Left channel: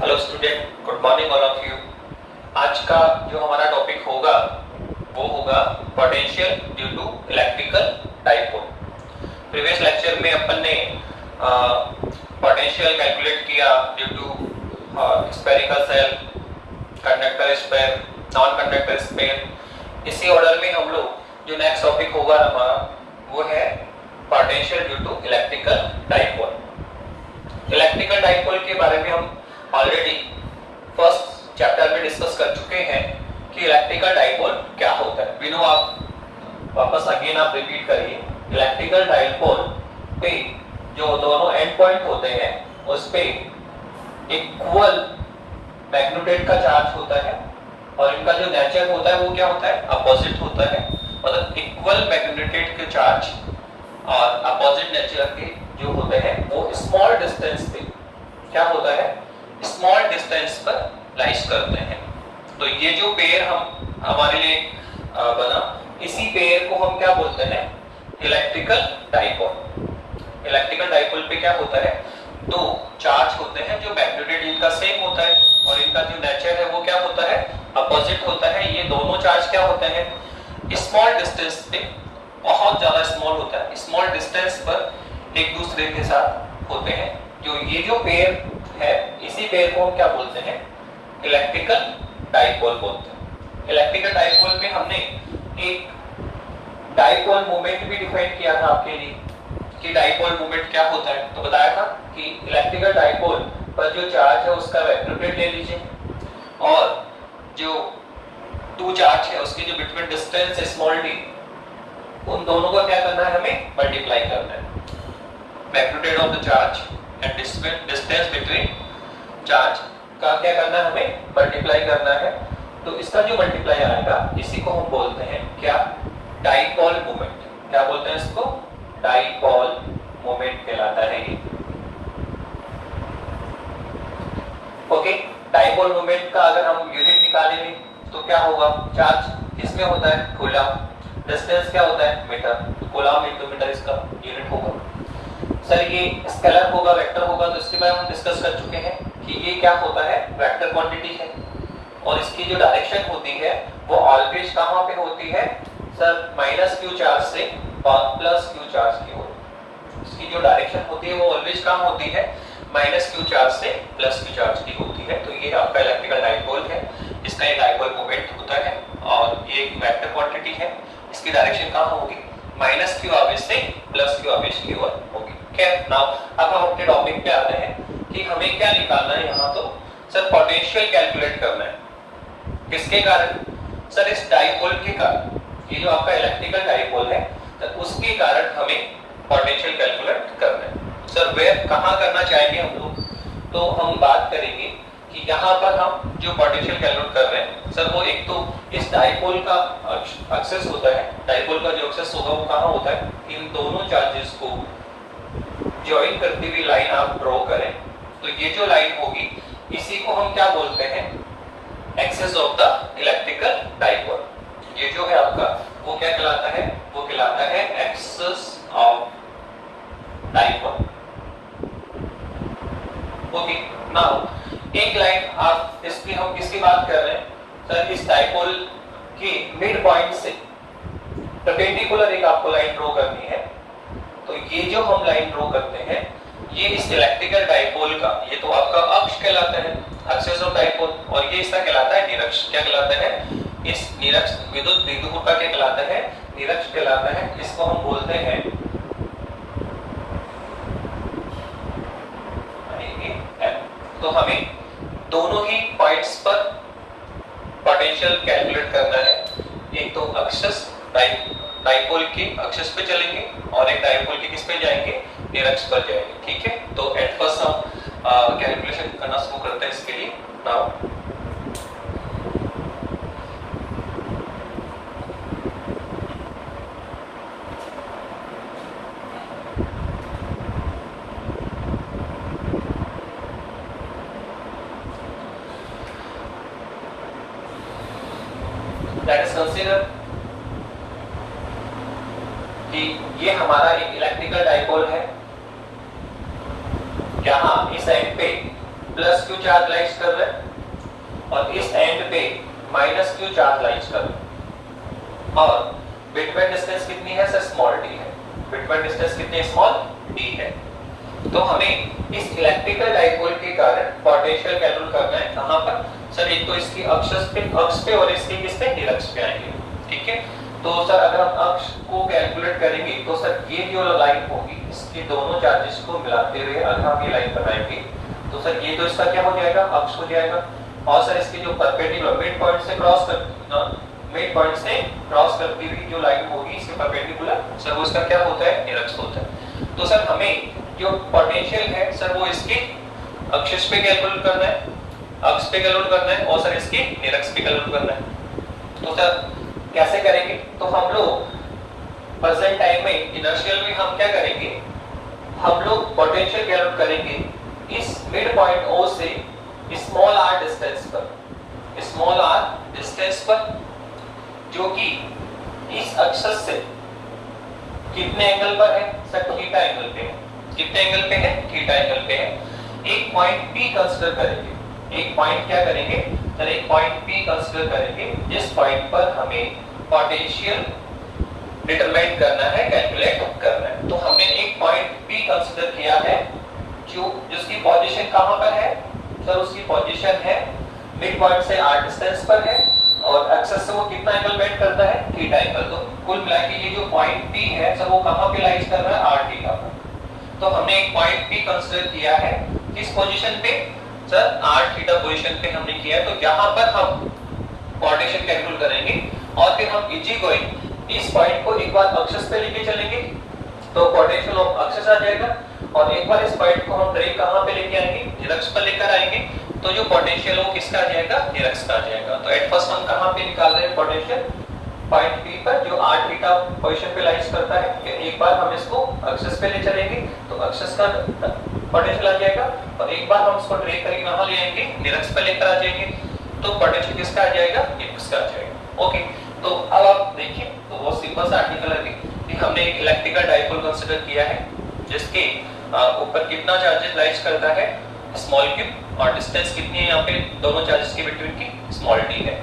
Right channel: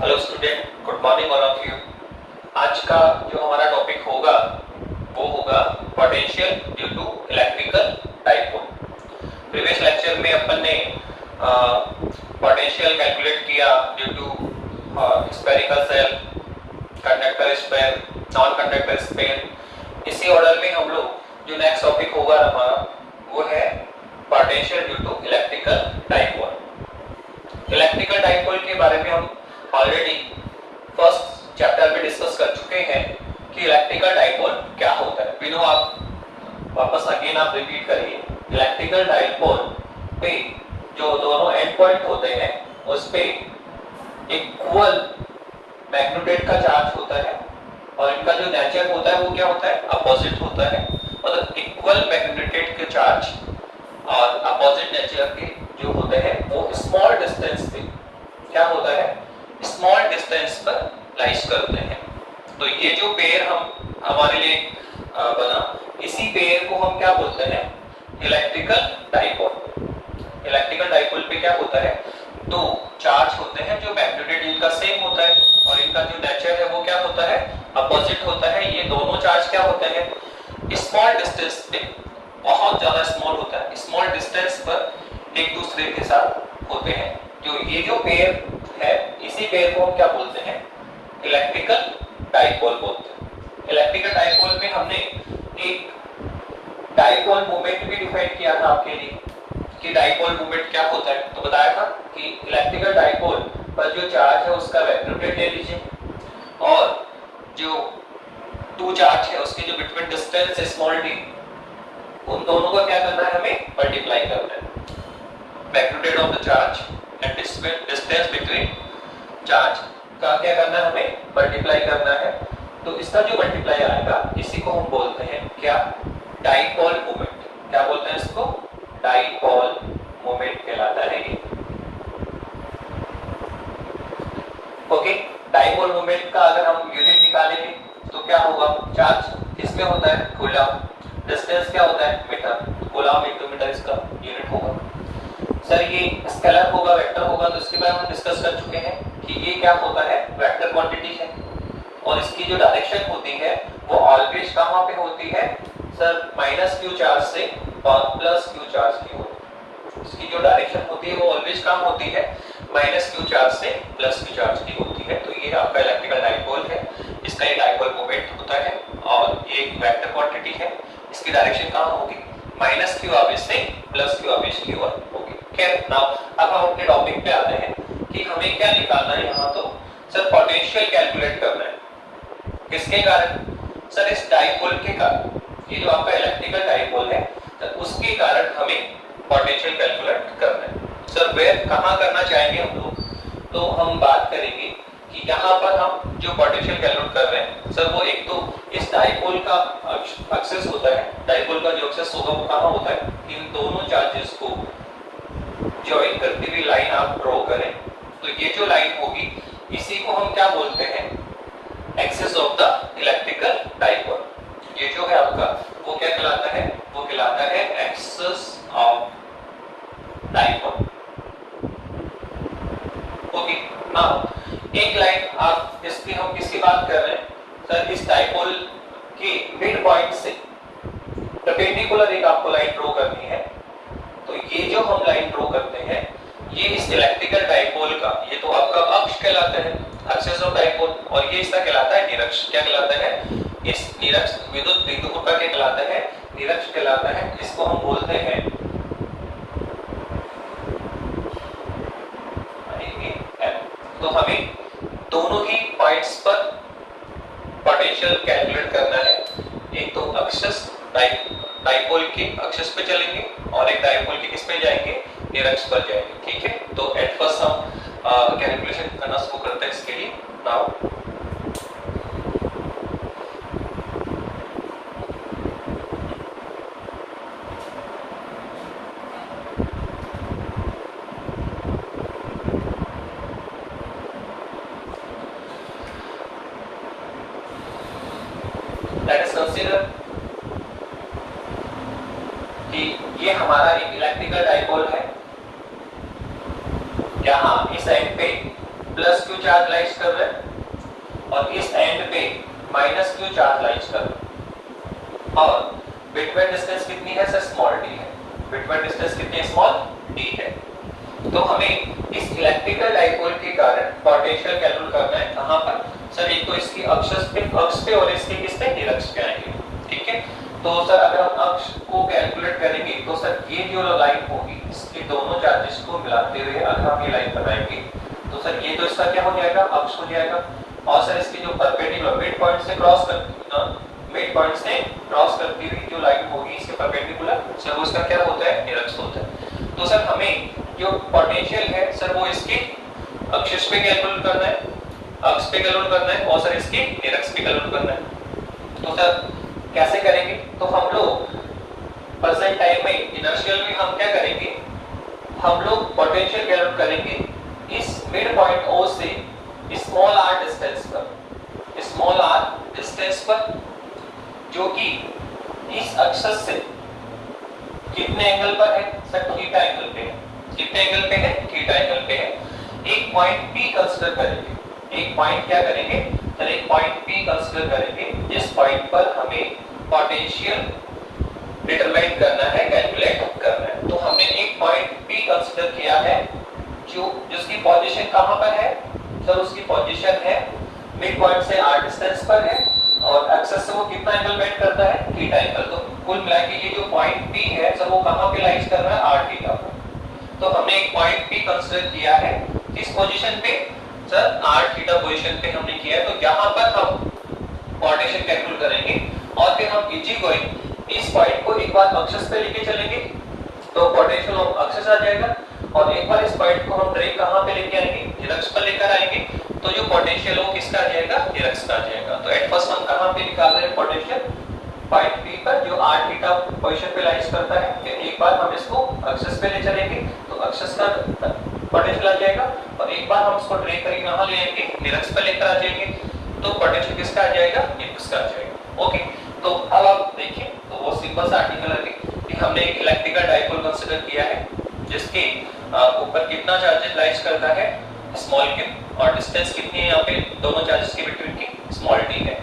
Hello student, good morning all of you. आज का जो हमारा टॉपिक होगा वो होगा potential due to electrical dipole. Previous lecture में अपन ने पोटेंशियल कैलकुलेट किया due to spherical shell, conductor sphere, non conductor sphere. इसी ऑर्डर में हम लोग जो नेक्स्ट टॉपिक होगा हमारा वो है potential due to electrical dipole. Electrical dipole के बारे में हम ऑलरेडी फर्स्ट चैप्टर में डिस्कस कर चुके हैं कि इलेक्ट्रिकल डाइपोल क्या होता है। विनो आप वापस अगेन आप रिपीट करिए। इलेक्ट्रिकल डाइपोल पे जो दोनों एंड पॉइंट होते हैं उस पे इक्वल मैग्नेटिक का चार्ज होता है और इनका जो नेचर होता है वो क्या होता है, अपोजिट होता है। मतलब इक्वल मैग्नेटिक के चार्ज और अपोजिट नेचर के जो होते हैं वो स्मॉल डिस्टेंस पे क्या होता है, स्मॉल डिस्टेंस पर लाइज करते हैं। तो ये जो पेयर हम हमारे लिए बना, इसी पेयर को हम क्या बोलते हैं, इलेक्ट्रिकल डाइपोल। इलेक्ट्रिकल डाइपोल पे क्या होता है, दो चार्ज होते हैं जो मैग्नेटिक इनका सेम होता है और इनका जो नेचर है वो क्या होता है, अपोजिट होता है। ये दोनों चार्ज क्या होते हैं, स्मॉल डिस्टेंस पे, बहुत ज्यादा स्मॉल होता है, स्मॉल डिस्टेंस पर एक दूसरे के साथ होते हैं। जो ये जो पेयर है इसी पेयर को हम क्या बोलते हैं, इलेक्ट्रिकल डाइपोल बोलते हैं। इलेक्ट्रिकल डाइपोल में हमने एक डाइपोल मोमेंट भी डिफाइन किया था आपके लिए कि डाइपोल मोमेंट क्या होता है। तो बताया था कि इलेक्ट्रिकल डाइपोल पर जो चार्ज है उसका वेक्टर ले लीजिए और जो टू चार्ज है उसकी जो बिटवीन डिस्टेंस स्मॉल डी, उन दोनों को क्या करना है, हमें मल्टीप्लाई करना है। Magnitude of the charge and distance between charge का क्या करना है, हमें मल्टीप्लाई करना है। तो इसका जो मल्टीप्लाई आएगा इसी को हम बोलते हैं क्या, डाइपोल मोमेंट। क्या बोलते हैं इसको, डाइपोल मोमेंट कहलाता है ये। ओके, डाइपोल मोमेंट का अगर हम यूनिट निकालेंगे तो क्या होगा, चार्ज इसमें होता है कूलम, डिस्टेंस क्या होता है मीटर, कूलम एक मीटर इसका यूनिट होगा। सर ये स्केलर होगा, वेक्टर होगा, तो इसके बारे में हम डिस्कस कर चुके हैं कि ये क्या होता है, वेक्टर क्वांटिटी है और इसकी जो डायरेक्शन होती है वो ऑलवेज कहां पे होती है सर, माइनस क्यू चार्ज से और प्लस क्यू चार्ज की ओर। इसकी जो डायरेक्शन होती है वो ऑलवेज कहां होती है, माइनस क्यू चार्ज से प्लस क्यू चार्ज की होती है। तो ये आपका इलेक्ट्रिकल डाइपोल है, इसका एक डाइपोल मोमेंट होता है और ये एक वेक्टर क्वांटिटी है। इसकी डायरेक्शन कहां होगी, माइनस क्यू आवेश से प्लस क्यू आवेश की ओर होगी। खैर नाउ अब हम अपने टॉपिक पे आते हैं कि हमें क्या निकालना है यहाँ। तो सर पोटेंशियल कैलकुलेट करना है, किसके कारण सर, इस डाइपोल के कारण। ये जो आपका इलेक्ट्रिकल डाइपोल है तो उसके कारण हमें पोटेंशियल कैलकुलेट करना है। सर वे कहाँ करना चाहेंगे हम लोग, तो हम बात करेंगे कि यहाँ पर हम जो पोटेंशियल कैलकुलेट कर रहे हैं सर वो एक तो इस डाइपोल का एक्सेस होता है, डाइपोल का जो एक्सेस होगा वो कहाँ होता है, इन दोनों चार्जेस को ज्वाइन करती हुई लाइन आप ड्रॉ करें तो ये जो लाइन होगी इसी को हम क्या बोलते हैं, axis of the electrical dipole. ये जो है आपका वो क्या कहलाता है, वो कहलाता है axis of dipole. Okay, now एक लाइन आप इसकी हम किसकी बात कर रहे हैं सर, इस डाइपोल के मिड पॉइंट से परपेंडिकुलर एक आपको लाइन ड्रॉ करनी है। तो ये जो हम लाइन ड्रॉ करते हैं ये इस इलेक्ट्रिकल डाइपोल का, ये तो आपका अक्ष कहलाता है, एक्सिस ऑफ डाइपोल, और ये इसका कहलाता है निरक्ष। क्या कहलाता है, इस निरक्ष विद्युत द्विध्रुव का क्या कहलाता है, निरक्ष कहलाता है। इसको हम बोलते हैं तो हमें दोनों ही पॉइंट्स पर पोटेंशियल कैलकुलेट करना है। एक तो एक्सिस डाइपोल के एक्सिस पे चलेंगे और एक डाइपोल के किस पे जाएंगे, निरक्ष पर जाएंगे। ठीक है, तो एट फर्स्ट हम कैलकुलेशन करना शुरू करते हैं इसके लिए। नाउ लेट अस कंसीडर कि ये हमारा एक इलेक्ट्रिकल डाइपोल है, यहाँ इस साइड पे प्लस क्यू चार्ज लाइज कर रहे हैं और इस एंड पे माइनस क्यू चार्ज लाइज कर रहे हैं और बिटवीन डिस्टेंस कितनी है सर स्मॉल डी है। बिटवीन डिस्टेंस कितनी स्मॉल डी है। तो हमें इस इलेक्ट्रिकल डाइपोल के कारण पोटेंशियल कैलकुलेट करना है। कहां पर सर? एक तो इसकी अक्ष पे और इसके किस पे निरक्ष पे आएंगे। ठीक है, तो सर अगर हम अक्ष को कैलकुलेट करेंगे तो सर ये जो लाइन होगी इसके दोनों चार्जेस को मिलाते हुए अगर हम ये लाइन बनाएंगे तो सर ये तो इसका क्या हो जाएगा? अक्ष हो जाएगा। और सर इसकी जो परपेंडिकुलर मिड पॉइंट से क्रॉस करती हुई जो लाइन होगी इसके परपेंडिकुलर सर वो इसका क्या होता है? निरक्ष होता है। तो सर हमें जो पोटेंशियल है सर वो इसके अक्ष पे कैलकुलेट करना है, अक्ष पे कैलकुलेट करना है और सर इसके निरक्ष पे कैलकुलेट करना है। तो सर कैसे करेंगे? तो हम लोग प्रेजेंट टाइम में इनर्शियल में हम क्या करेंगे? हम लोग पोटेंशियल कैलकुलेट करेंगे इस मिड पॉइंट O से स्मॉल r डिस्टेंस पर जो कि इस अक्ष से कितने एंगल पर है सर? थीटा एंगल पे है। कितने एंगल पे है? थीटा एंगल पे है। एक पॉइंट P कंसीडर करेंगे। एक पॉइंट क्या करेंगे सर? एक पॉइंट P कंसीडर करेंगे जिस पॉइंट पर हमें पोटेंशियल डिटरमाइन करना है, कैलकुलेट करना है। तो हमने एक पॉइंट P कंसीडर किया है जिसकी पोजीशन कहां पर है सर? उसकी पोजीशन है मिड पॉइंट से r डिस्टेंस पर है और एक्सेस से वो कितना एंगल बेंड करता है? Theta angle. तो कुल मिला के ये जो पॉइंट P है सर वो कहां पे लाइज कर रहा है? r थीटा पर। तो हमने एक पॉइंट P कंसीडर किया है किस पोजीशन पे सर? r थीटा पोजीशन पे हमने किया है। तो यहां पर हम पोटेंशियल कैलकुलेट करेंगे और फिर हम इजी गोइंग इस पॉइंट को एक बार अक्ष पे लेके चलेंगे तो पोटेंशियल अक्ष आ जाएगा और एक बार इस पॉइंट को हम डायरेक्ट कहां पे लेके आएंगे? निरक्ष पर लेकर आएंगे। तो जो पोटेंशियल वो किसका आ जाएगा? निरक्ष का आ जाएगा। तो एट फर्स्ट हम कहां पे निकाल रहे हैं पोटेंशियल? पॉइंट P पर जो r थीटा पोजीशन पे लाइज करता है। फिर एक बार हम इसको एक्सिस पे ले चलेंगे तो एक्सिस का पोटेंशियल आ जाएगा और एक बार हम इसको ड्रैग करके यहां ले आएंगे, निरक्ष पे लेकर आ जाएंगे तो पोटेंशियल किसका आ जाएगा? निरक्ष का आ जाएगा। ओके, तो अब आप देखिए तो वो सिंपल सा आर्टिकल है कि हमने एक इलेक्ट्रिकल डाइपोल कंसीडर किया है जिसके ऊपर कितना चार्जेस लाइज करता है? स्मॉल q और डिस्टेंस कितनी है यहाँ पे दोनों चार्जेस के बिटवीन की? स्मॉल d है।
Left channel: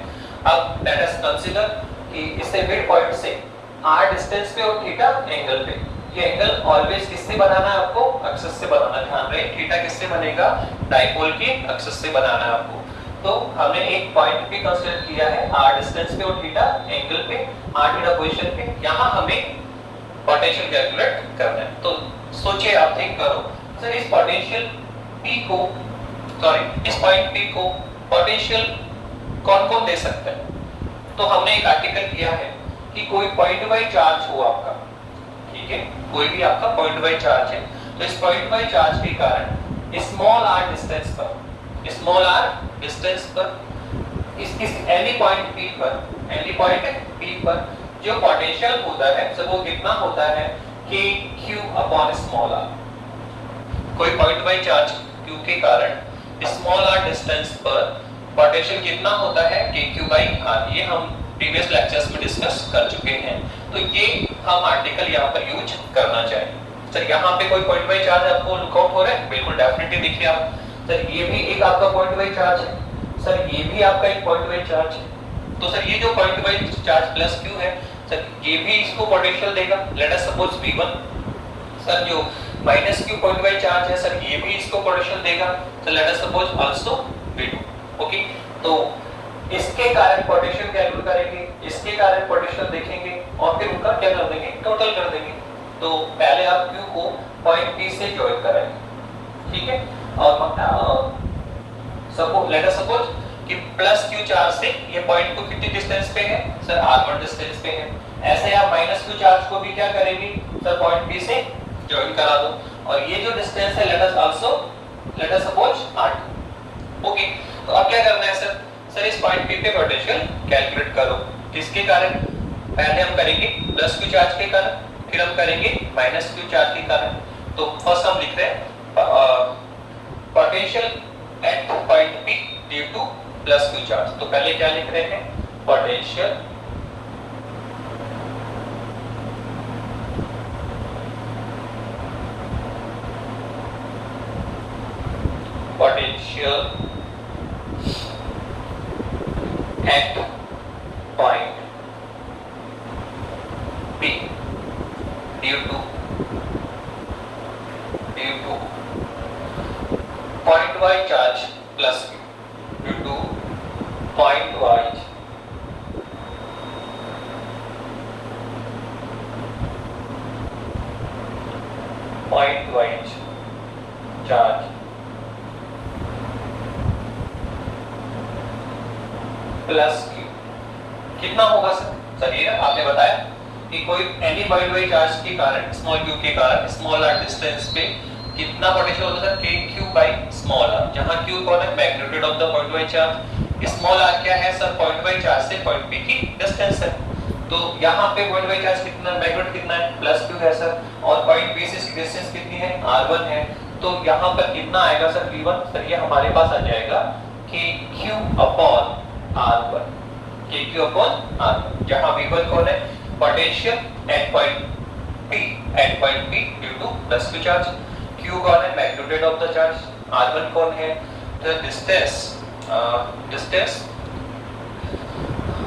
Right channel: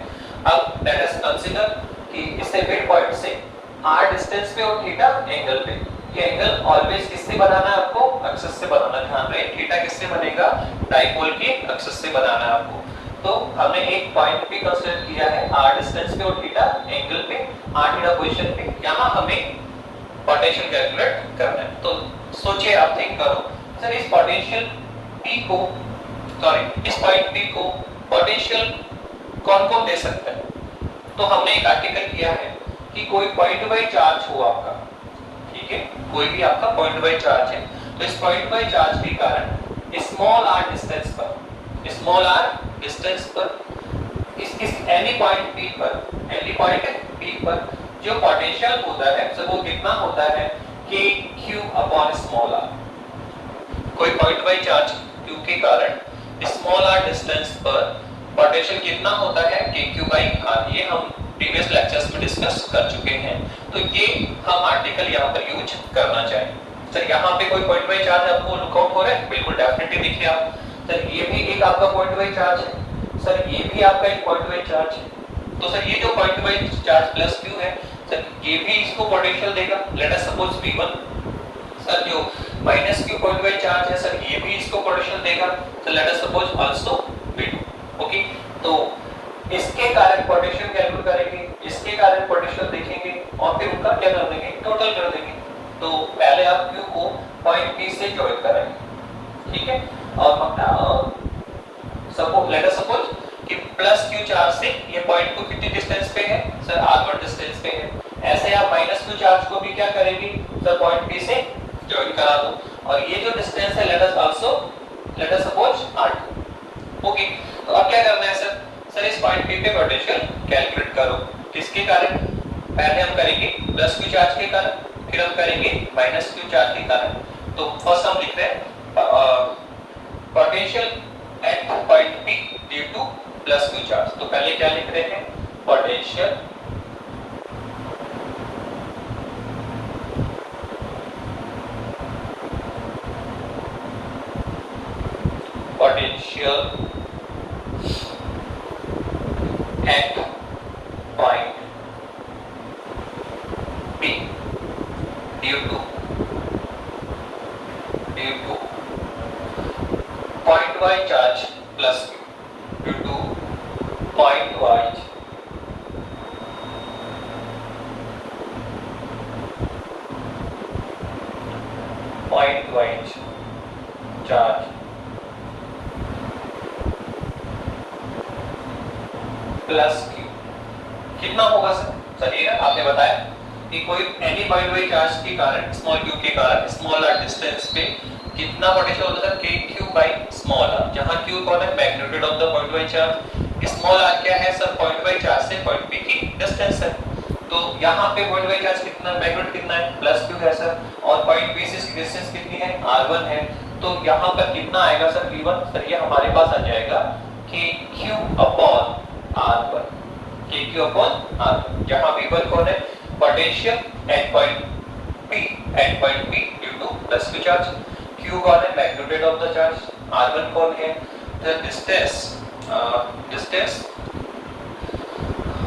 अब लेट अस कंसीडर कि इससे मिड पॉइंट से r डिस्टेंस पे और थीटा एंगल पे। ये एंगल ऑलवेज किससे बनाना है आपको? एक्सिस से बनाना। ध्यान रहे थीटा किससे बनेगा? डाइपोल के एक्सिस से बनाना है आपको। तो हमने एक पॉइंट भी कंसीडर किया है r डिस्टेंस पे और थीटा एंगल पे, r थीटा पोजीशन पे। यहां हमें पोटेंशियल कैलकुलेट करना है। तो सोचिए, आप थिंक करो सर इस पोटेंशियल P को इस पॉइंट P को पोटेंशियल कौन-कौन दे सकता है? तो हमने एक आर्टिकल किया है कि कोई पॉइंट बाय चार्ज हो आपका, ठीक है, कोई भी आपका पॉइंट बाय चार्ज है तो इस पॉइंट बाय चार्ज के कारण स्मॉल r डिस्टेंस पर इस एनी पॉइंट P पर जो पोटेंशियल होता है सर वो कितना होता है? kq upon small r। कोई पॉइंट बाय चार्ज q के कारण स्मॉल r डिस्टेंस पर पोटेंशियल कितना होता है? kq by r। ये हम प्रीवियस लेक्चर्स में डिस्कस कर चुके हैं। तो ये हम आर्टिकल यहाँ पर यूज करना चाहिए। सर यहाँ पे कोई पॉइंट बाय चार्ज आपको लुकआउट हो रहा है? बिल्कुल डेफिनेटली देखिए आप। सर ये भी एक आपका पॉइंट बाय चार्ज है, सर ये भी आपका एक पॉइंट बाय चार्ज है। तो सर ये जो point by charge plus q है सर ये भी इसको पोटेंशियल देगा। Let us suppose v1। Sir जो minus q point by charge है सर ये भी इसको पोटेंशियल देगा। तो let us suppose also v2। Okay, तो इसके कारण पोटेंशियल कैलकुलेट करेंगे, इसके कारण पोटेंशियल देखेंगे और फिर उनका क्या कर देंगे? टोटल कर देंगे। तो पहले आप q को पॉइंट P से जॉइन करेंगे, ठीक है, और सपोज लेट अस सपोज कि प्लस q चार्ज से ये पॉइंट को कितनी डिस्टेंस पे है? सर r1 डिस्टेंस पे है। ऐसे आप माइनस q चार्ज को भी क्या करेंगे? सर पॉइंट P से जॉइन करा दो और ये जो डिस्टेंस है late us suppose r2। Okay, तो अब क्या करना है सर? सर इस पॉइंट P पे पोटेंशियल कैलकुलेट करो। किसके कारण? पहले हम करेंगे प्लस q चार्ज के कारण, फिर हम करेंगे माइनस q चार्ज के कारण। तो फर्स्ट हम लिख रहे हैं potential at point P due two plus q charge. तो पहले क्या लिख रहे हैं? Potential potential potential at point P due to point y charge plus Q due to point y charge plus Q कितना होगा सर ये आपने बताया कि कोई एनी पॉइंट वाइज चार्ज के कारण स्मॉल q के कारण स्मॉल r डिस्टेंस पे कितना पोटेंशियल होता है kq बाय स्मॉल r, जहां q कौन है magnitude of the point wise charge, small r क्या है सर पॉइंट वाइज चार्ज से पॉइंट p की डिस्टेंस है। तो यहां पे पॉइंट वाइज चार्ज कितना है मैग्नीट्यूड कितना है प्लस q है सर, और पॉइंट p से डिस्टेंस कितनी है r1 है। तो यहां पर कितना आएगा सर v1, सर ये हमारे पास आ जाएगा kq upon r1, kq upon r1, जहां v1 कौन है potential at point P due two plus q charge, q कौन है magnitude of the charge, r1 कौन है the distance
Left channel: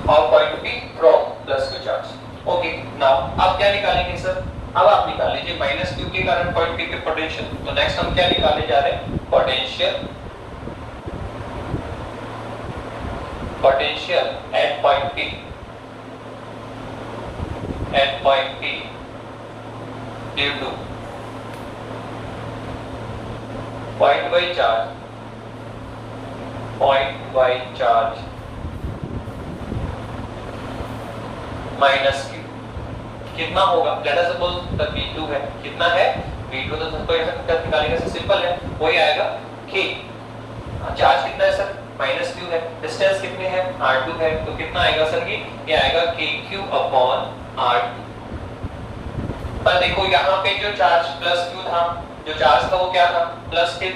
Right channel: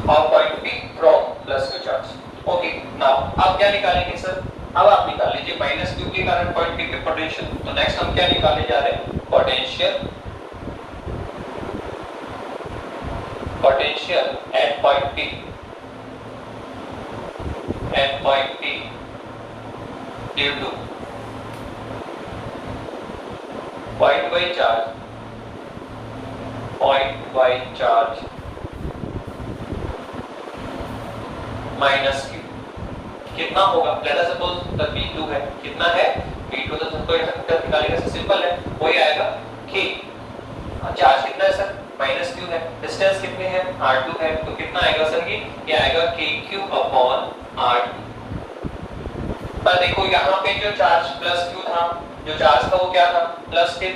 of point P from plus q charge. Okay now आप क्या निकालेंगे सर, अब आप निकाल लीजिए माइनस q के कारण पॉइंट P के पोटेंशियल। तो नेक्स्ट हम क्या निकालने जा रहे हैं potential at point P due to point y charge minus q कितना होगा, late us suppose the v2 है, कितना है v2, तो सबको ऐसा फैक्टर निकालेंगे सर सिंपल है, वही आएगा k, चार्ज कितना है सर माइनस q है, डिस्टेंस कितनी है r2 है, तो कितना आएगा सर ये आएगा kq अपॉन r2। पर देखो यहाँ पे जो चार्ज प्लस q था, जो चार्ज था वो क्या था प्लस के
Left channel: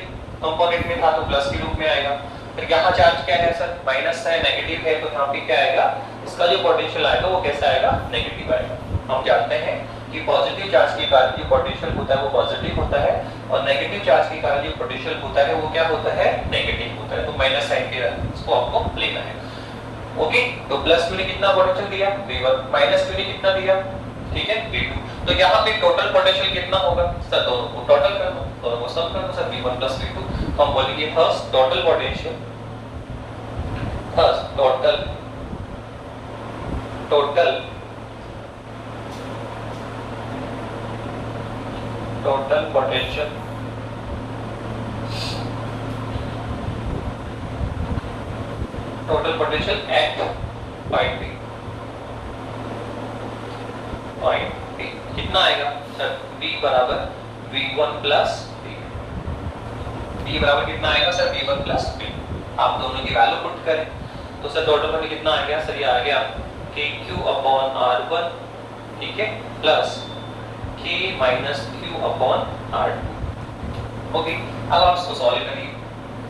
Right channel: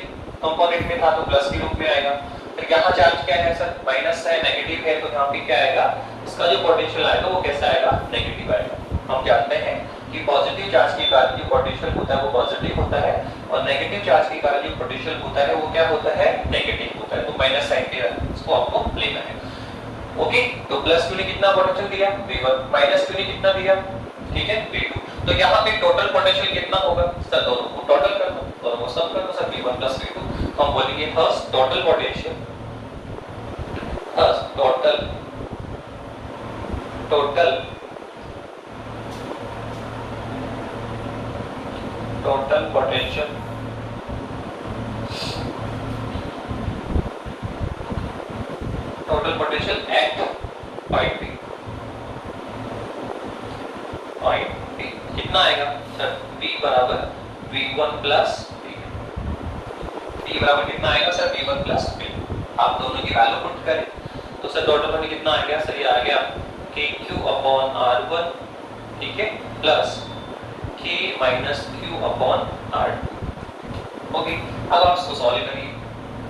कंपोनेंट में था, तो प्लस के रूप में आएगा। फिर यहाँ चार्ज क्या है सर माइनस है नेगेटिव है, तो यहाँ पे क्या आएगा इसका जो पोटेंशियल आएगा वो कैसा आएगा नेगेटिव आएगा। हम जानते हैं कि पॉजिटिव चार्ज के कारण जो पोटेंशियल होता है वो पॉजिटिव होता है, और नेगेटिव चार्ज के कारण जो पोटेंशियल होता है वो क्या होता है नेगेटिव होता है, तो माइनस साइन के इसको आपको लेना है। ओके, तो प्लस q ने कितना पोटेंशियल दिया v1, माइनस q ने कितना दिया, ठीक है v2। तो यहाँ पे टोटल पोटेंशियल कितना होगा सर, दोनों को टोटल कर दो, दोनों को सम कर दो सर v1 प्लस v2, तो हम बोलेंगे first total potential, first total potential at point P कितना आएगा सर V बराबर V1 प्लस V बराबर कितना आएगा सर V1 प्लस P। आप दोनों की वैल्यू पुट करें तो सर टोटल में कितना आ गया सर, ये आ गया kq अपॉन r1, ठीक है, plus k minus q upon r2। Okay, अब आप इसको सॉल्व करिए,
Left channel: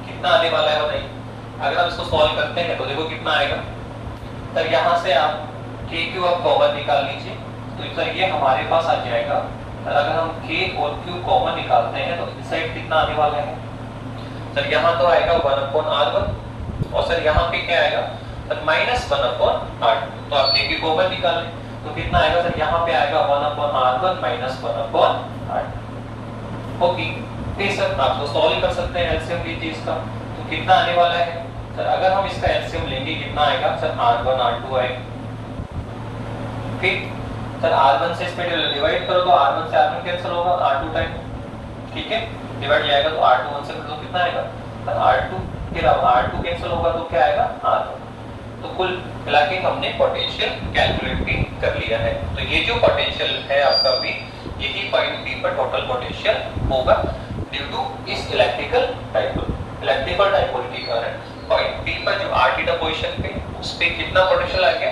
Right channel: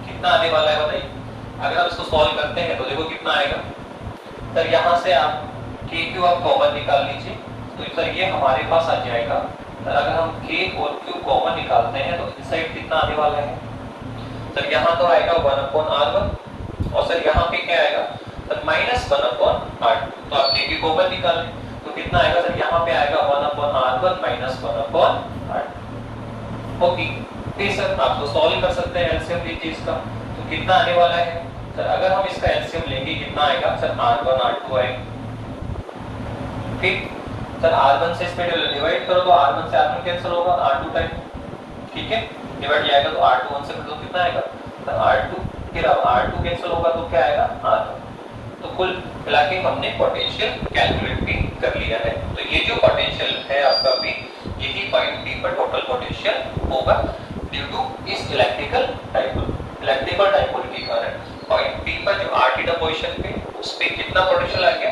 कितना आने वाला है बताइए। अगर आप इसको सॉल्व करते हैं तो देखो कितना आएगा सर, यहाँ से आप kq आप कॉमन निकाल लीजिए, तो सर ये हमारे पास आ जाएगा। अगर हम k और q कॉमन निकालते हैं तो इस साइड कितना आने वाला है सर, यहाँ तो आएगा 1/r1, और सर यहाँ पे क्या आएगा सर -1/r2। तो आप k कॉमन निकालें तो कितना आएगा सर, यहाँ पे आएगा 1/r1 माइनस 1/r2। ओके, फिर सर आपको सॉल्व कर सकते हैं एलसीएम लीजिए इसका, तो कितना आने वाला है सर, अगर हम इसका एलसीएम लेंगे कितना आएगा सर r1 r2 आएगा। ठीक सर, r1 से इस पे डिवाइड करो तो r1 से r1 कैंसिल होगा, r2 टाइम, ठीक है, डिवाइड जाएगा तो r2 1 से तो कितना आएगा सर r2, फिर अब r2 कैंसिल होगा तो क्या आएगा r1। तो कुल मिला के हमने पोटेंशियल कैलकुलेट भी कर लिया है। तो ये जो पोटेंशियल है आपका भी, यही पॉइंट P पर टोटल पोटेंशियल होगा ड्यू टू इस इलेक्ट्रिकल डाइपोल के कारण पॉइंट P पर जो r पोजीशन पे उस पे कितना पोटेंशियल आ गया,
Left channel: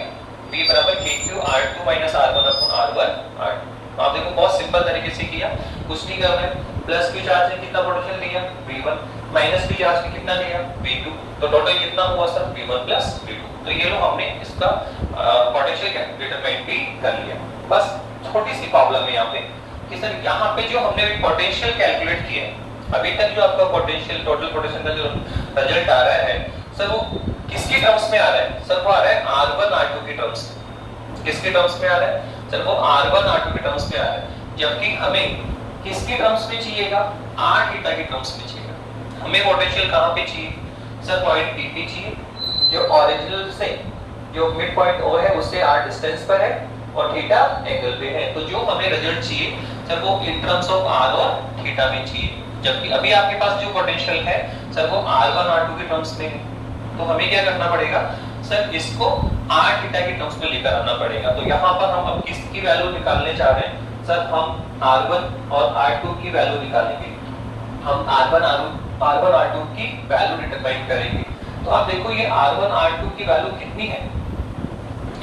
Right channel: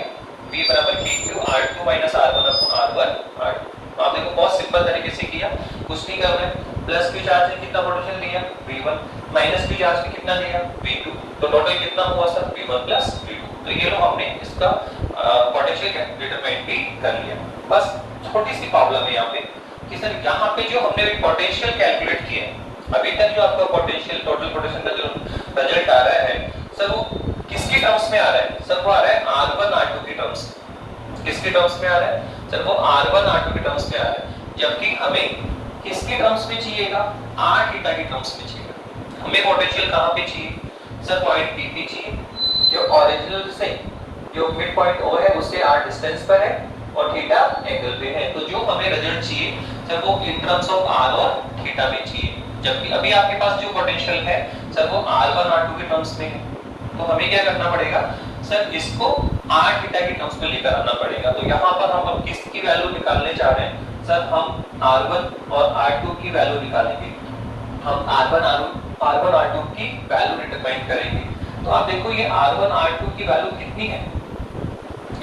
V बराबर kq r2 minus r1 upon r1 r2। तो आप देखो बहुत सिंपल तरीके से किया, कुछ नहीं कर रहे, प्लस q चार्ज ने कितना पोटेंशियल दिया v1, माइनस q चार्ज ने कितना दिया v2, तो टोटल कितना हुआ सर v1 प्लस v2। तो ये लो हमने इसका पोटेंशियल डिटरमाइन भी कर लिया। बस छोटी सी प्रॉब्लम है यहाँ पे कि सर यहाँ पे जो हमने पोटेंशियल कैलकुलेट किया अभी तक जो आपका पोटेंशियल टोटल पोटेंशियल का जो रिजल्ट आ रहा है सर वो किसकी टर्म्स में आ रहा है? सर वो आ रहा है R1 R2 की टर्म्स में। किसके टर्म्स में आ रहा है? सर वो R1 R2 की टर्म्स में आ रहा है, जबकि हमें किसके टर्म्स में चाहिएगा? R थीटा की टर्म्स में चाहिए। हमें पोटेंशियल कहां पे चाहिए? सर पॉइंट P पे चाहिए, जो ओरिजिनल से जो मिड पॉइंट O है उससे R डिस्टेंस पर है और थीटा एंगल पे है। तो जो हमें रिजल्ट चाहिए सर वो इन टर्म्स ऑफ R और थीटा में चाहिए, जबकि अभी आपके पास जो पोटेंशियल है सर वो R1 R2 के टर्म्स में है। तो हमें क्या करना पड़ेगा? सर इसको R थीटा के टर्म्स में लेकर आना पड़ेगा। तो यहाँ पर हम अब किसकी वैल्यू निकालने चाह रहे हैं? सर हम R1 और R2 की वैल्यू निकालेंगे। हम R1 R2 की वैल्यू डिटरमाइन करेंगे। तो आप देखो ये R1 R2 की वैल्यू कितनी है?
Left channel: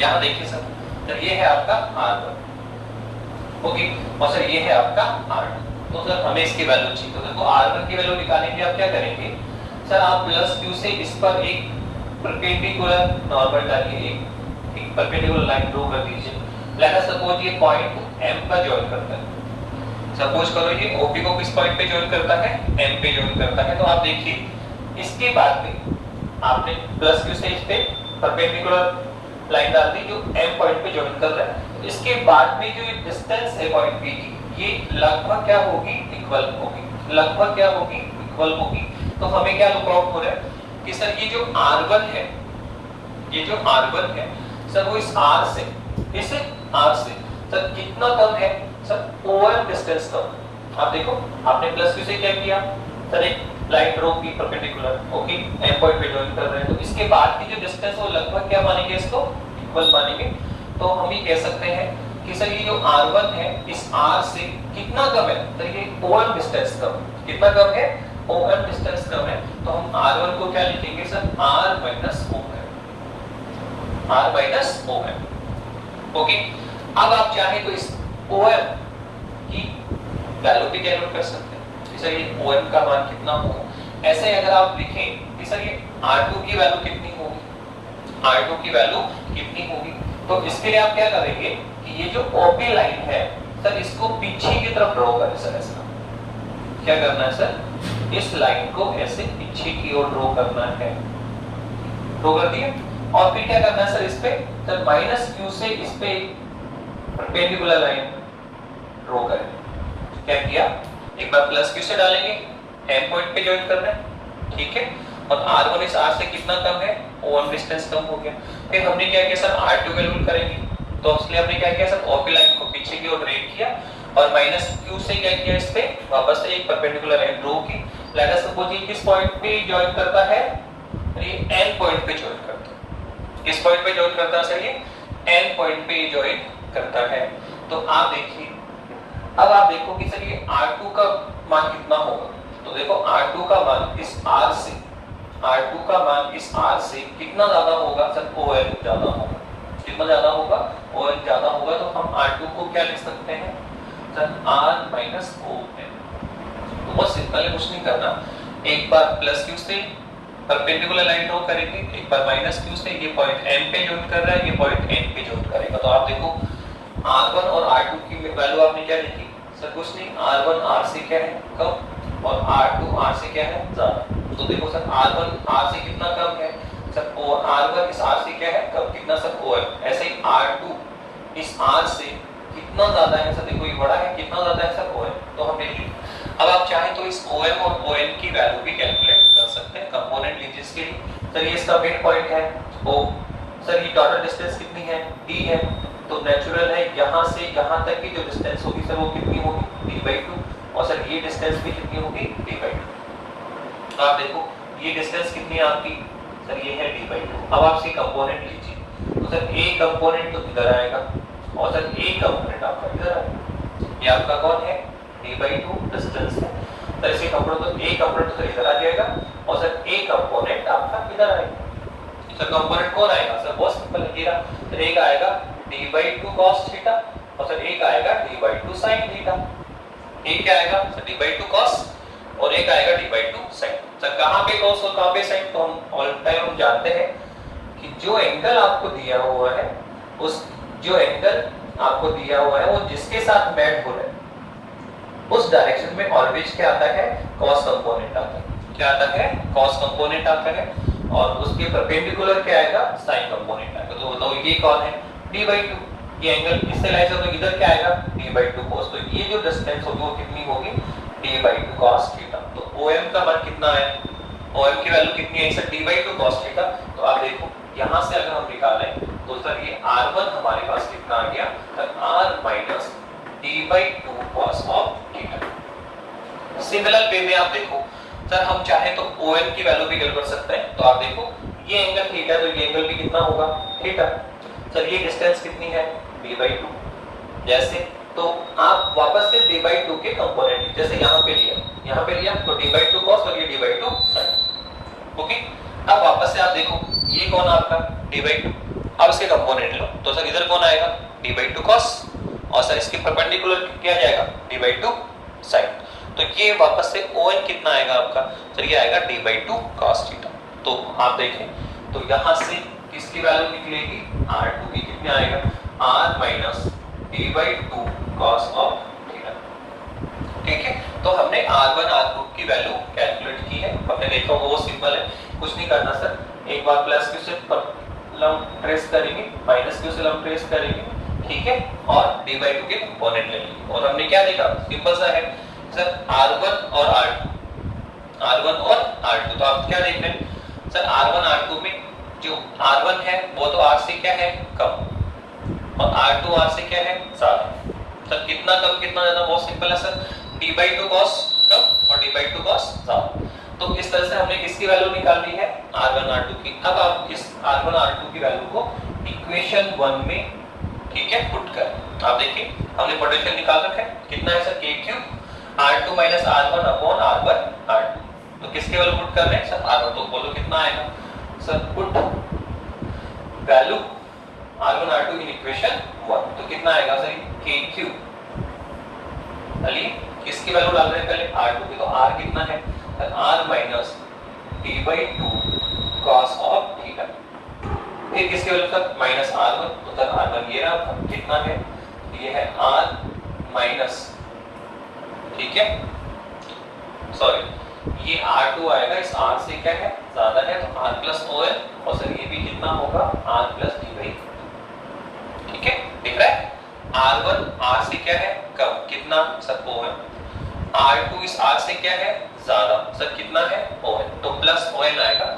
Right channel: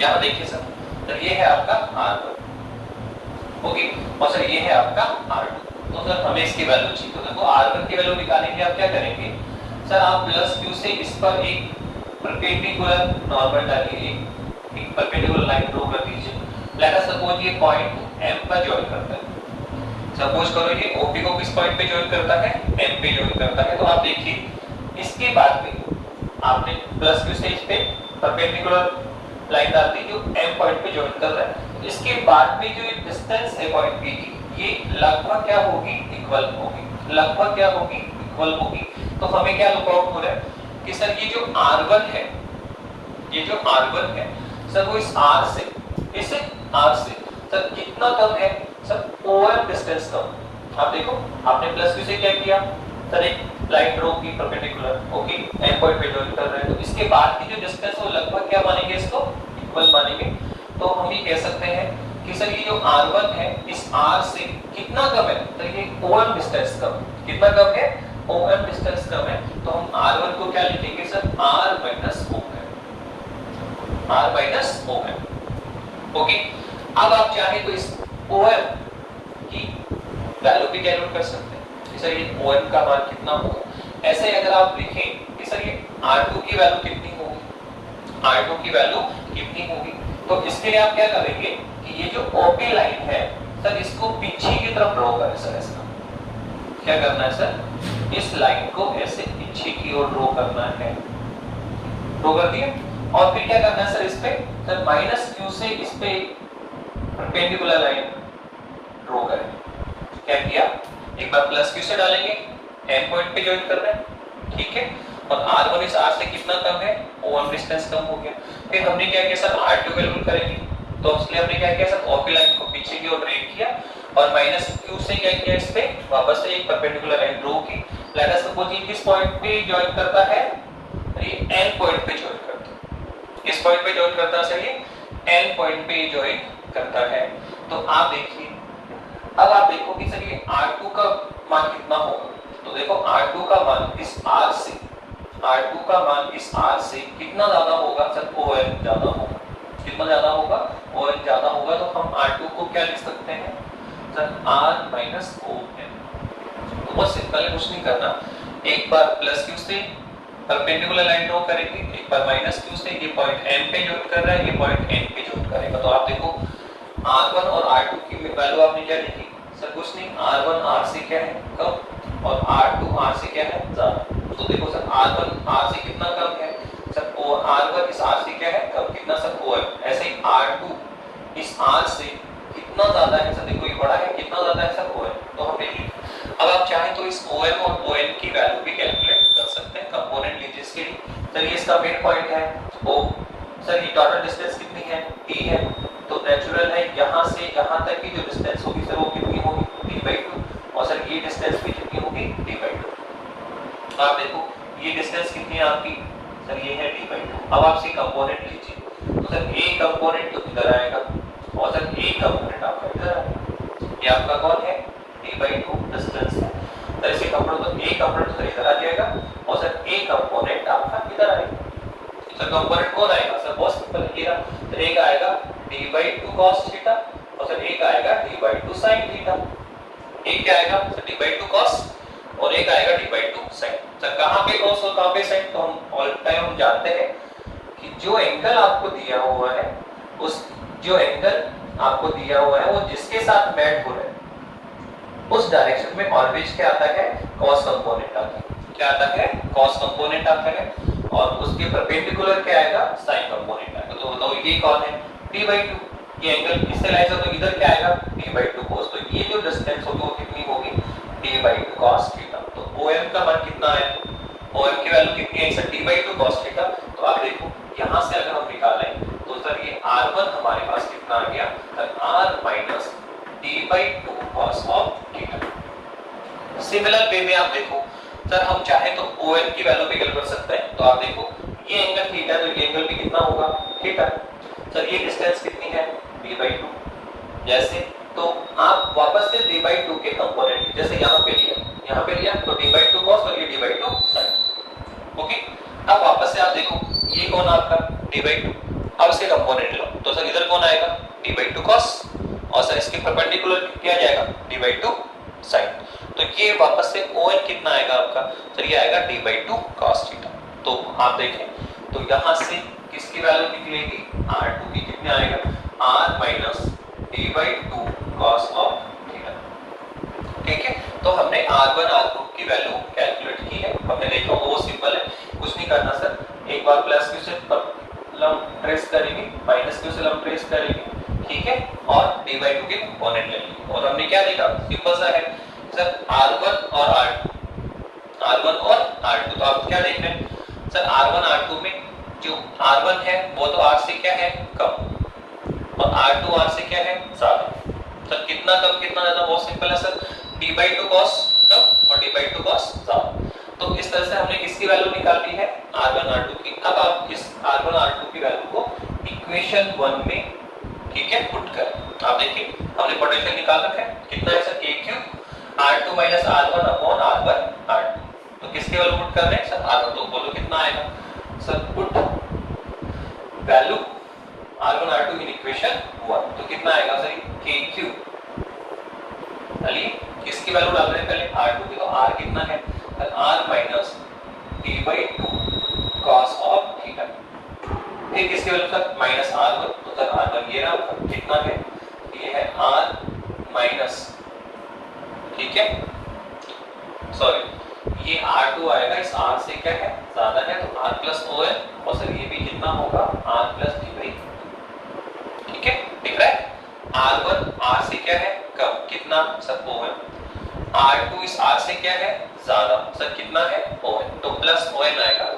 यहाँ देखिए सर, तो ये है आपका R1, ओके, और सर ये है आपका R2। तो सर हमें इसकी वैल्यू चाहिए। तो देखो R1 की वैल्यू निकालेंगे, आप क्या करेंगे? सर आप प्लस Q से इस पर एक परपेंडिकुलर नॉर्मल डालिए, एक परपेंडिकुलर लाइन ड्रॉ कर दीजिए। लेट अस सपोज ये पॉइंट M पर ज्वाइन करता है। सपोज करो ये OP को किस पॉइंट पे ज्वाइन करता है? M पे ज्वाइन करता है। तो आप देखिए इसके बाद में आपने प्लस Q से इस पे परपेंडिकुलर लाइन डाल दी जो M पॉइंट पे ज्वाइन कर रहा है। इसके बाद में जो डिस्टेंस है पॉइंट P की, ये लगभग क्या होगी? इक्वल होगी। लगभग क्या होगी? इक्वल होगी। तो हमें क्या लुक आउट हो रहा है कि सर ये जो R1 है, ये जो R1 है सर वो इस R से सर कितना कम है? सर OM डिस्टेंस कम। आप देखो आपने प्लस Q से क्या किया? सर एक लाइन ड्रॉ की परपेंडिकुलर, ओके, M पॉइंट पे ज्वाइन कर रहे हैं। तो इसके बाद की जो डिस्टेंस है वो लगभग क्या मानेंगे? इसको इक्वल मानेंगे। तो हम ये कह सकते हैं कि सर ये जो R1 है इस R से कितना कम है? तो ये OM डिस्टेंस कम। कितना कम है? OM डिस्टेंस कम है। तो हम R1 को क्या लिखेंगे sir? R minus OM, R minus OM, okay. अब आप चाहे तो इस OM की वैल्यू भी कैलकुलेट कर सकते हैं। सर ये OM का मान कितना होगा? ऐसे अगर आप लिखें कि सर ये R2 की वैल्यू कितनी होगी? R2 की वैल्यू कितनी होगी? तो इसके लिए आप क्या करेंगे कि ये जो OP लाइन है सर इसको पीछे की तरफ ड्रॉ करें। सर ऐसा क्या करना है सर? इस लाइन को ऐसे पीछे की ओर ड्रॉ करना है। ड्रॉ कर दिया और फिर क्या करना है सर? इस पे सर माइनस Q से इस पे परपेंडिकुलर लाइन ड्रॉ करें। क्या किया? एक बार प्लस Q से डालेंगे, M पॉइंट पे ज्वाइन कर रहे हैं, ठीक है, और R1 इस R से कितना कम है? OM डिस्टेंस कम हो गया। फिर हमने क्या किया सर? R2 कैलकुलेट करेंगे। तो इसलिए हमने क्या किया सर? OP लाइन को पीछे की ओर ड्रैग किया और माइनस Q से क्या किया? इस पे वापस से एक परपेंडिकुलर लाइन ड्रॉ की। लेट अस सपोज ये किस पॉइंट पे ज्वाइन करता है? ये N पॉइंट पे ज्वाइन करता है। किस पॉइंट पे ज्वाइन करता है सर? ये N पॉइंट पे ज्वाइन करता है। तो आप देखिए, अब आप देखो कि सर ये R2 का मान कितना होगा? तो देखो R2 का मान इस R से, R2 का मान इस R से कितना ज्यादा होगा सर? OM ज्यादा होगा। कितना ज्यादा होगा? OM ज्यादा होगा। तो हम R2 को क्या लिख सकते हैं सर? R minus OM। तो बहुत सिंपल है, कुछ नहीं करना। एक बार प्लस Q से परपेंडिकुलर लाइन ड्रॉ करेंगे, एक बार माइनस Q से, ये पॉइंट M पे ज्वाइन कर रहा है, ये पॉइंट N पे ज्वाइन करेगा। तो आप देखो R1 और R2 की वैल्यू आपने क्या लिखी सर? कुछ नहीं, R1 R से क्या है? कम, और R2 R से क्या है? ज्यादा। तो देखो सर R1 R से कितना कम है सर? और R1 इस R से क्या है? कम। कितना सर? OM। ऐसे ही R2 इस R से कितना ज्यादा है सर? देखो ये बड़ा है, कितना ज्यादा है सर? OM। तो हम देखिए अब आप चाहें तो इस OM और OM की वैल्यू भी कैलकुलेट कर सकते हैं कंपोनेंट लीजिएस के लिए। चलिए इसका मिड पॉइंट है O, सर ये टोटल डिस्टेंस कितनी है? D है। तो नेचुरल है यहाँ से यहाँ तक की जो डिस्टेंस होगी सर वो कितनी होगी? D/2। और सर ये डिस्टेंस भी कितनी होगी? D/2। आप देखो ये डिस्टेंस कितनी है आपकी? सर ये है D/2। अब आप इसके कंपोनेंट लीजिए। तो सर A कंपोनेंट तो इधर आएगा और सर A कंपोनेंट आपका इधर आएगा। ये आपका कौन है? D/2 डिस्टेंस है। सर इसके कंपोनेंट तो A कंपोनेंट तो इधर आ जाएगा और सर A कंपोनेंट आपका इधर आएगा। सर कंपोनेंट कौन आएगा सर? बहुत सिंपल है। तो एक आएगा D/2 cos थीटा और सर एक आएगा D/2 sin थीटा। एक क्या आएगा सर? D/2 cos और एक आएगा D/2 sin। सर कहाँ पे cos और कहाँ पे sin? तो हम ऑल टाइम हम जानते हैं कि जो एंगल आपको दिया हुआ है उस जो एंगल आपको दिया हुआ है वो जिसके साथ मैच हो रहा है उस डायरेक्शन में ऑलवेज क्या आता है, कॉस कंपोनेंट आता है। क्या आता है, कॉस कंपोनेंट आता है, और उसके परपेंडिकुलर क्या आएगा, साइन कंपोनेंट आएगा। तो बताओ ये कौन है, d/2, ये एंगल इससे लाइन से तो इधर क्या आएगा, d/2 cos। तो ये जो डिस्टेंस होगी वो कितनी होगी, d/2 cos थीटा। तो OM का मान कितना है, OM की वैल्यू कितनी है सर, d/2 cos थीटा। तो आप देखो यहां से अगर हम निकालें तो सर ये R1 हमारे पास कितना आ गया, sir R minus d/2 cos of theta. Similar way में आप देखो सर, हम चाहे तो OM की वैल्यू भी निकाल कर सकते हैं। तो आप देखो ये एंगल थीटा, तो ये एंगल भी कितना होगा, थीटा। सर ये डिस्टेंस कितनी है, d/2। जैसे तो आप वापस से d/2 के कंपोनेंट, जैसे यहाँ पे लिया तो d/2 cos और ये d/2 sin। ओके, अब वापस से आप देखो ये कौन आपका d/2, अब इसके कंपोनेंट लो तो सर इधर कौन आएगा, d/2 cos, और सर इसके परपेंडिकुलर क्या जाएगा, d/2 sin। तो ये वापस से OM कितना आएगा आपका, सर ये आएगा d/2 cos थीटा। तो आप देखें तो यहाँ से किसकी वैल्यू निकलेगी, R2 की कितने आएगा, R minus d/2 cos of theta. ठीक है, तो हमने R1 R2 की वैल्यू कैलकुलेट की है। हमने देखा वो सिंपल है, कुछ नहीं करना सर, एक बार प्लस क्यू से लंब ट्रेस करेंगे, माइनस क्यू से लंब ट्रेस करेंगे, ठीक है, और d/2 के कंपोनेंट लेंगे। और हमने क्या देखा, सिंपल सा है सर, R1 और R2। तो आप क्या देख रहे हैं सर, R1 R2 में जो R1 है वो तो R से क्या है, कम, और R2 R से क्या है, ज्यादा। सर कितना कम कितना ज्यादा, बहुत सिंपल है सर, d/2 cos कम और d/2 cos ज्यादा। तो इस तरह से हमने किसकी वैल्यू निकाली है, R1 R2 की। अब आप इस R1 R2 की वैल्यू को इक्वेशन 1 में, ठीक है, पुट कर। आप देखिए हमने पोटेंशियल निकाल रखा है, कितना है sir, k3 R2 minus R1 upon R1 R2। तो किसके वैल्यू पुट कर रहे हैं सर, R1। तो बोलो कितना आएगा sir, put value R1 R2 in equation 1। तो कितना आएगा सर, k3 किसकी वैल्यू डाल रहे हैं पहले, R2 की। तो R कितना है, R minus d/2 cos of theta. फिर किसकी वैल्यू सर, माइनस R1। तो सर R1 ये रहा, कितना है, ये है R माइनस, ठीक है, सॉरी ये R2 आएगा, इस R से क्या है, ज्यादा है, तो R प्लस OM, और सर ये भी कितना होगा, R प्लस d/2। ठीक है, दिख रहा है, R1 R से क्या है, कम, कितना सर OM। R2 इस R से क्या है, ज्यादा, सर कितना है, OM, तो प्लस OM आएगा।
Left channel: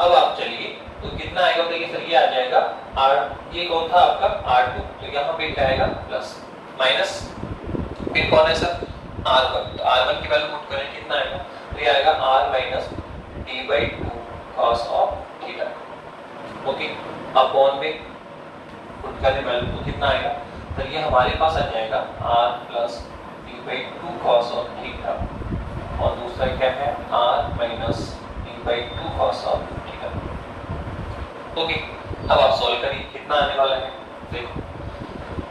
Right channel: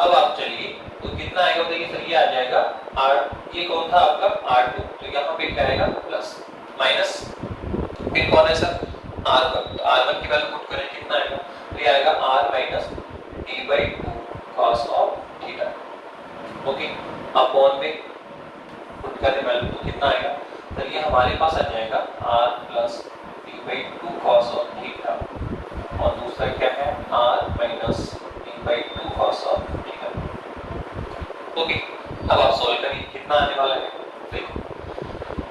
अब आप चलिए तो कितना आएगा, देखिए सर ये आ जाएगा R, ये कौन था आपका R2, तो यहाँ पे क्या आएगा, प्लस, माइनस, फिर कौन है सर, R1। तो R1 की वैल्यू पुट करें, कितना आएगा, तो ये आएगा R minus d/2 cos of theta. Okay, upon में पुट करें वैल्यू तो कितना आएगा, तो ये हमारे पास आ जाएगा R plus d/2 cos of theta, और दूसरा क्या है, R minus d/2 cos of theta. Okay, अब आप सॉल्व करिए, कितना आने वाला है, देखिए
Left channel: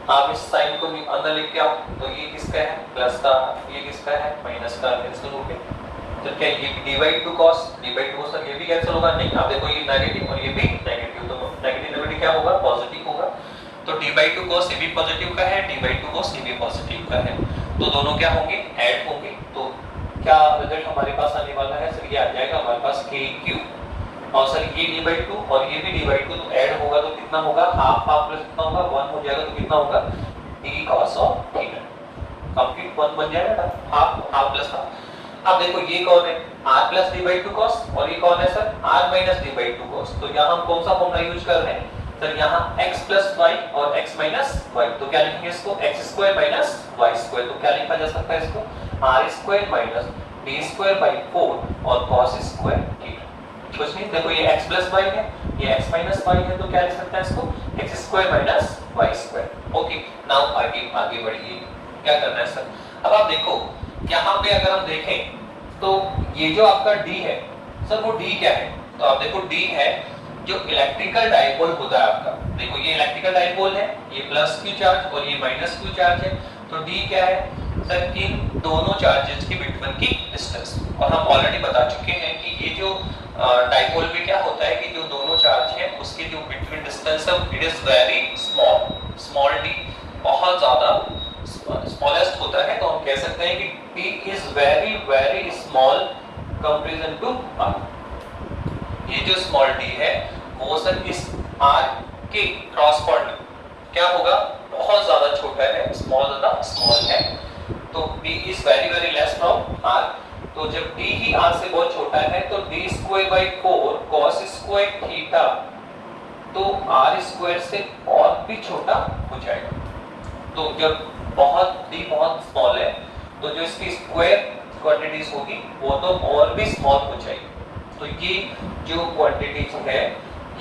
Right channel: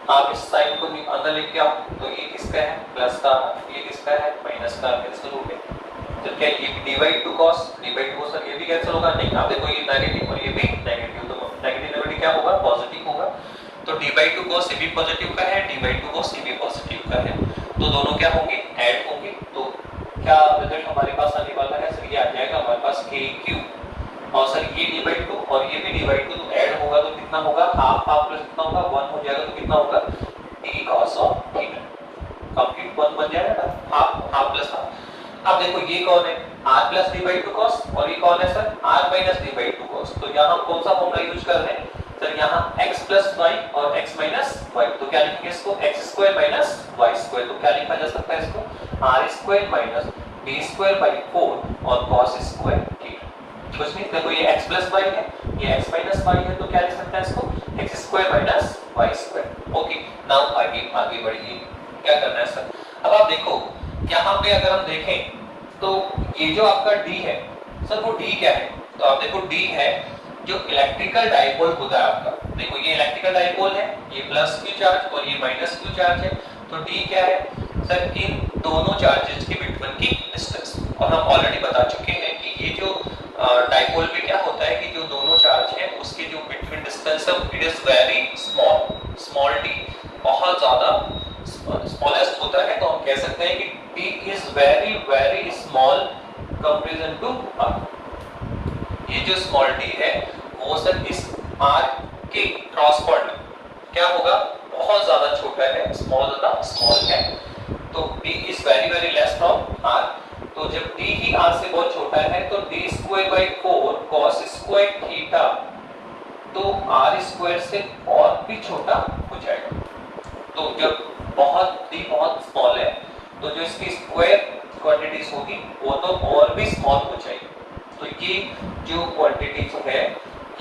आप इस साइन को अंदर लेके आओ, तो ये किसका है, प्लस का, ये किसका है, माइनस का, कैंसिल हो गया। तो क्या ये d/2 cos, d/2 सर ये भी कैंसिल होगा, नहीं, आप देखो ये नेगेटिव और ये भी नेगेटिव, तो नेगेटिव क्या होगा, पॉजिटिव होगा। तो d/2 cos ये भी पॉजिटिव का है, d/2 cos ये भी पॉजिटिव का है, तो दोनों क्या होंगे, ऐड होंगे। तो क्या रिजल्ट हमारे पास आने वाला है सर, ये आ जाएगा हमारे पास k3, और सर ये d/2 और ये भी d/2, तो ऐड होगा तो कितना होगा, हाफ हाफ प्लस कितना होगा, 1 हो जाएगा, तो कितना होगा, d cos of theta. Complete 1 बन जाएगा, हाफ हाफ प्लस हाफ। अब देखो ये कौन है, r प्लस d/2 cos, और ये कौन है sir, r minus d/2 cos। तो यहाँ हम कौन सा फॉर्मूला यूज कर रहे हैं सर, यहाँ x प्लस y और x माइनस y। तो क्या लिखेंगे इसको, x square minus y square. तो क्या लिखा जा सकता है इसको, r square minus d square by 4 और cos स्क्वायर थीटा। कुछ नहीं, देखो ये x प्लस y है, ये x माइनस y है, तो क्या लिख सकते हैं इसको, x square minus y square. Okay, now आगे बढ़िए, क्या करना है सर। अब आप देखो यहाँ पे अगर हम देखें तो ये जो आपका D है सर, वो D क्या है, तो आप देखो D है जो इलेक्ट्रिकल डाइपोल होता है आपका। देखो ये इलेक्ट्रिकल डाइपोल है, ये प्लस क्यू चार्ज और ये माइनस क्यू चार्ज है। तो D क्या है सर, इन दोनों चार्जेस के बिटवीन की डिस्टेंस। और हम ऑलरेडी बता चुके हैं कि ये जो डाइपोल में क्या होता है कि जो दोनों चार्ज हैं उसके जो बिटवीन डिस्टेंस है it is very small, small d बहुत ज्यादा स्मॉलेस्ट होता है। तो हम कह सकते हैं कि P is very very small comparison to R। ये जो स्मॉल d है वो सर इस R के क्रॉसपॉन्डिंग क्या होगा, बहुत ज्यादा छोटा है, स्मॉल है। तो d is very very less from R। तो जब d ही R से बहुत छोटा है तो d square by 4 cos square theta तो R स्क्वायर से और भी छोटा हो जाएगा। तो जब d बहुत स्मॉल है तो जो इसकी स्क्वायर क्वांटिटीज होगी वो तो और भी स्मॉल हो जाएगी। तो ये जो क्वांटिटीज है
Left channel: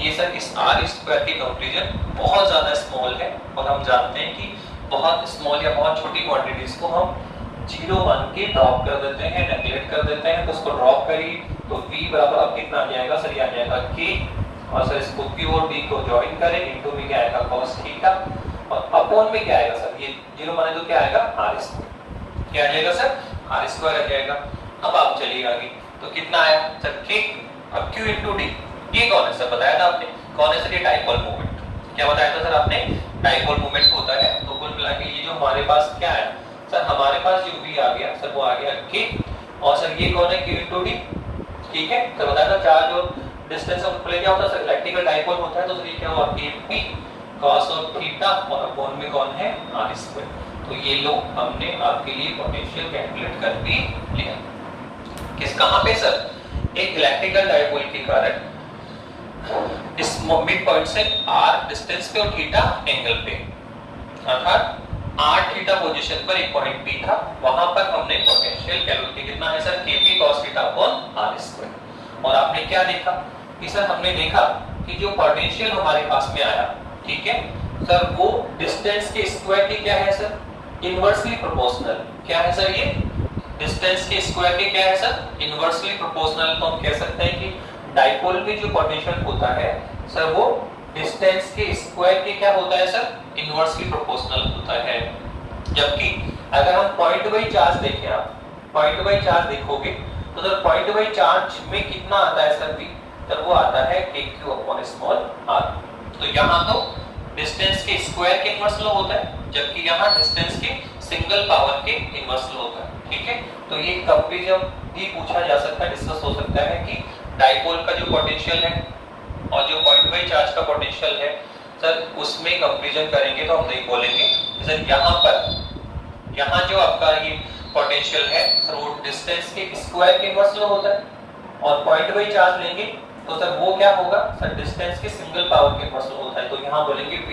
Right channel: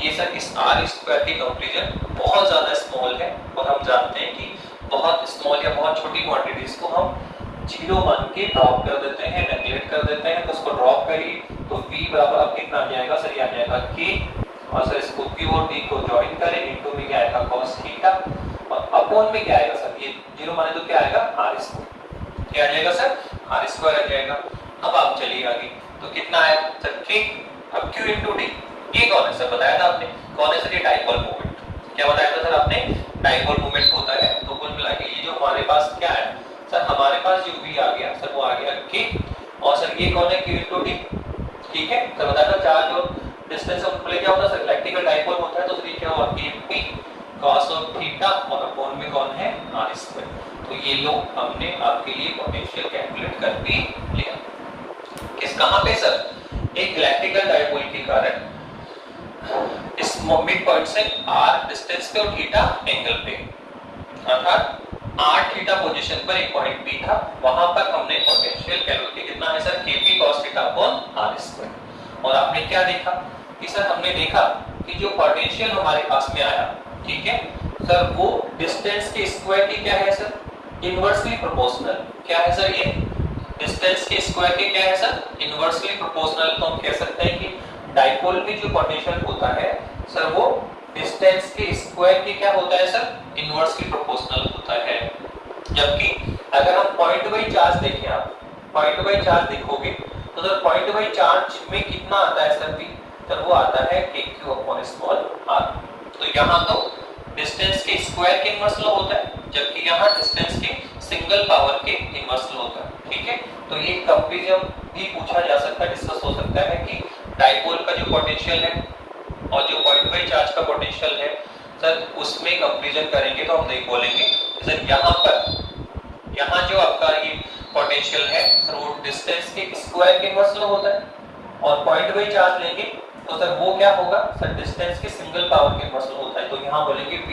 ये सर इस R स्क्वायर की कंक्लूजन बहुत ज्यादा स्मॉल है और हम जानते हैं कि बहुत स्मॉल या बहुत छोटी क्वांटिटीज को हम जीरो मान के ड्रॉप कर देते हैं, नेगलेक्ट कर देते हैं। तो उसको ड्रॉप करिए तो v बराबर अब कितना आ जाएगा सर, ये आ जाएगा k और सर इसको q और d को जॉइन करें इनटू में क्या आएगा cos थीटा और अपॉन में क्या आएगा सर, ये जीरो माने तो क्या आएगा r स्क्वायर, क्या आ जाएगा सर r स्क्वायर आ जाएगा। अब आप चलिए आगे तो कितना आया सर ठीक। अब q इनटू d ये कौन है सर, बताया था आपने कौन है सर, ये डाइपोल मोमेंट। क्या बताया था सर आपने, डाइपोल मोमेंट होता है। तो कुल मिला के ये जो हमारे पास क्या है सर, हमारे पास जो v आ गया सर वो आ गया k और सर ये कौन है q इनटू d, ठीक है। तो बताया था चार्ज और डिस्टेंस ऑफ प्ले क्या होता है सर, इलेक्ट्रिकल डाइपोल होता है। तो ये क्या हुआ k p cos of theta और अपॉन में कौन है r स्क्वायर। तो ये लो हमने आपके लिए पोटेंशियल कैलकुलेट कर भी लिया। किस कहां पे सर, एक इलेक्ट्रिकल डाइपोल के कारण इस मिड पॉइंट से r डिस्टेंस पे और थीटा एंगल पे, अर्थात r थीटा पोजीशन पर एक पॉइंट P था, वहां पर हमने पोटेंशियल कैलकुलेट कितना है sir kp cos theta upon r square. और आपने क्या देखा कि सर हमने देखा कि जो पोटेंशियल हमारे पास में आया, ठीक है सर, वो डिस्टेंस के स्क्वायर की क्या है सर, इनवर्सली प्रोपोर्शनल। क्या है सर, ये डिस्टेंस के स्क्वायर के क्या है सर, इनवर्सली प्रोपोर्शनल। तो हम कह सकते हैं कि डाइपोल में जो पोटेंशियल होता है सर वो डिस्टेंस के स्क्वायर के क्या होता है सर, इनवर्सली प्रोपोर्शनल होता है। जबकि अगर हम पॉइंट बाई चार्ज देखें, आप पॉइंट बाई चार्ज देखोगे तो सर पॉइंट बाई चार्ज में कितना आता है सर, तो वो आता है kq अपॉन स्मॉल r। तो यहाँ तो डिस्टेंस के स्क्वायर के इनवर्स लॉ होता है, जबकि यहाँ डिस्टेंस के सिंगल पावर के इनवर्स लॉ होता है, ठीक है। तो ये कंपैरिजन भी पूछा जा सकता है, डिस्कस हो सकता है कि डाइपोल का जो पोटेंशियल है और जो पॉइंट बाई चार्ज का पोटेंशियल है सर उसमें कंपैरिजन करेंगे तो हम नहीं बोलेंगे सर यहाँ पर, यहाँ जो आपका ये पोटेंशियल है सर वो डिस्टेंस के स्क्वायर के इनवर्स लॉ होता है और पॉइंट बाई चार्ज लेंगे तो सर वो क्या होगा सर, डिस्टेंस के सिंगल पावर के इनवर्स लॉ होता है। तो यहाँ बोलेंगे p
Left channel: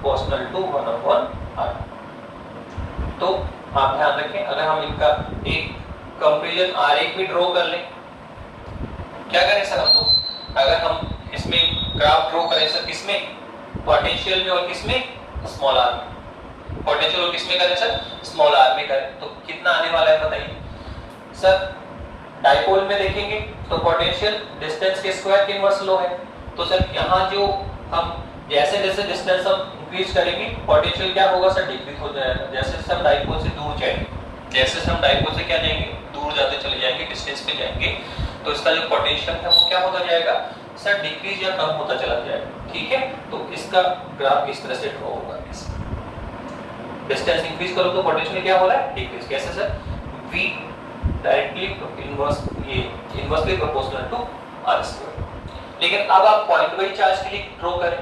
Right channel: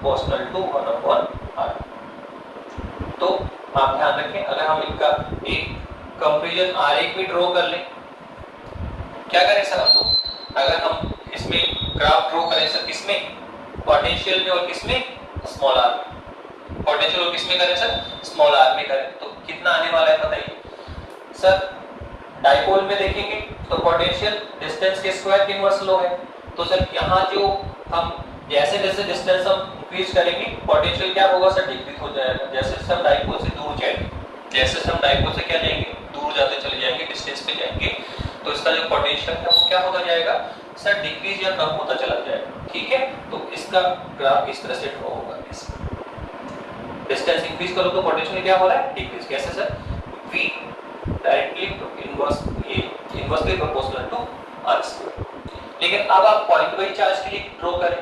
प्रोपोर्शनल टू 1/r। तो आप ध्यान रखें, अगर हम इनका एक कंपैरिजन आरेख भी ड्रॉ कर लें, क्या करें सर आपको, अगर हम इसमें ग्राफ ड्रॉ करें सर, किसमें पोटेंशियल में और किसमें स्मॉल r, पोटेंशियल और किसमें करें सर, स्मॉल r में करें तो कितना आने वाला है बताइए सर। डाइपोल में देखेंगे तो पोटेंशियल डिस्टेंस के स्क्वायर के इनवर्स लॉ है। तो सर यहाँ जो हम जैसे जैसे डिस्टेंस हम इंक्रीज करेंगे पोटेंशियल क्या होगा सर, डिक्रीज हो जाएगा। जैसे हम डाइपोल से दूर जाएंगे, जैसे हम डाइपोल से क्या जाएंगे, दूर जाते चले जाएंगे, डिस्टेंस पे जाएंगे तो इसका जो पोटेंशियल है वो क्या होगा जाएगा सर, डिक्रीज या कम होता चला जाएगा, ठीक है। तो इसका ग्राफ इस तरह से ड्रॉ होगा। डिस्टेंस इंक्रीज करो तो पोटेंशियल क्या हो रहा है, डिक्रीज। कैसे sir, v directly inversely proportional to r square. लेकिन अब आप पॉइंट बाई चार्ज के लिए ड्रॉ करें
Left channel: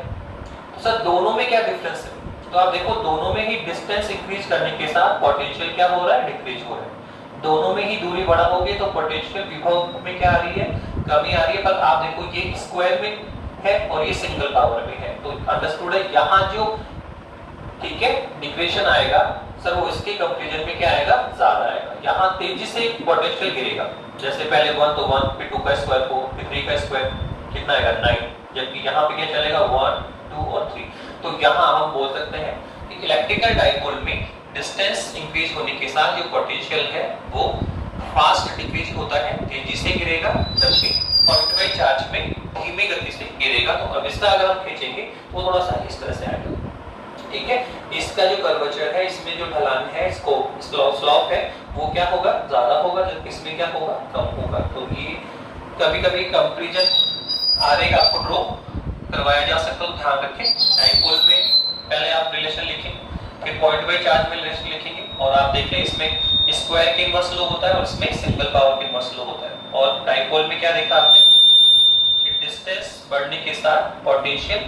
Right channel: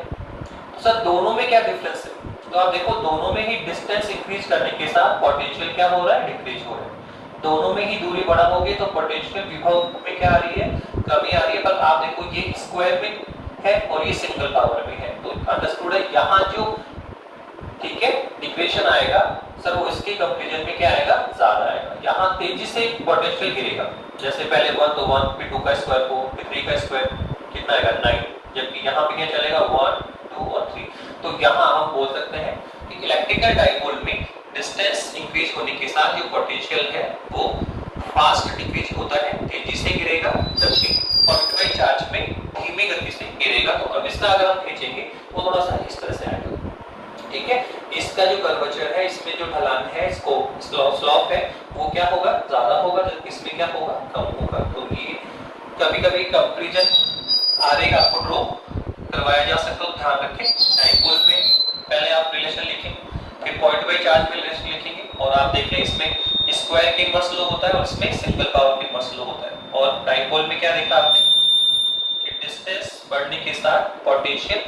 तो सर दोनों में क्या डिफरेंस है, तो आप देखो दोनों में ही डिस्टेंस इंक्रीज करने के साथ पोटेंशियल क्या हो रहा है, डिक्रीज हो रहा है। दोनों में ही दूरी बड़ा होगी तो पोटेंशियल विभव में क्या आ रही है, कमी आ रही है। पर आप देखो ये स्क्वायर में है और ये सिंगल पावर में है, तो अंडरस्टूड है। यहाँ जो ठीक है डिक्रीशन आएगा सर वो इसके कंपैरिजन में क्या आएगा, ज्यादा आएगा। यहाँ तेजी से पोटेंशियल गिरेगा, जैसे पहले 1 तो 1 फिर 2 का स्क्वायर 4 फिर 3 का स्क्वायर कितना आएगा 9, जबकि यहाँ पे क्या चलेगा 1 2 और 3। तो यहाँ हम बोल सकते हैं कि इलेक्ट्रिकल डाइपोल में डिस्टेंस इंक्रीज होने के साथ जो पोटेंशियल है वो फास्ट डिक्रीज होता है, तेजी से गिरेगा, जबकि पॉइंट बाई चार्ज में धीमी गति से गिरेगा। तो अब इसका अगर हम खींचेंगे तो थोड़ा सा इस तरह से आएगा, ठीक है। इसका जो कर्वेचर है, इसमें जो ढलान है, इसको स्लोप है वो क्या होगा, ज्यादा होगा, जबकि इसमें क्या होगा, कम होगा। तो ये कभी-कभी कंपैरिजन आरेख आपको ड्रॉ करवाया जा सकता है, तो ध्यान रखें। डाइपोल में पहले आप रिलेशन लिखें, फिर पॉइंट बाई चार्ज में रिलेशन लिखेंगे और आप देखें इसमें स्क्वायर के इनवर्स डाइपोल में क्या लिखा आपने कि डिस्टेंस बढ़ने के साथ पोटेंशियल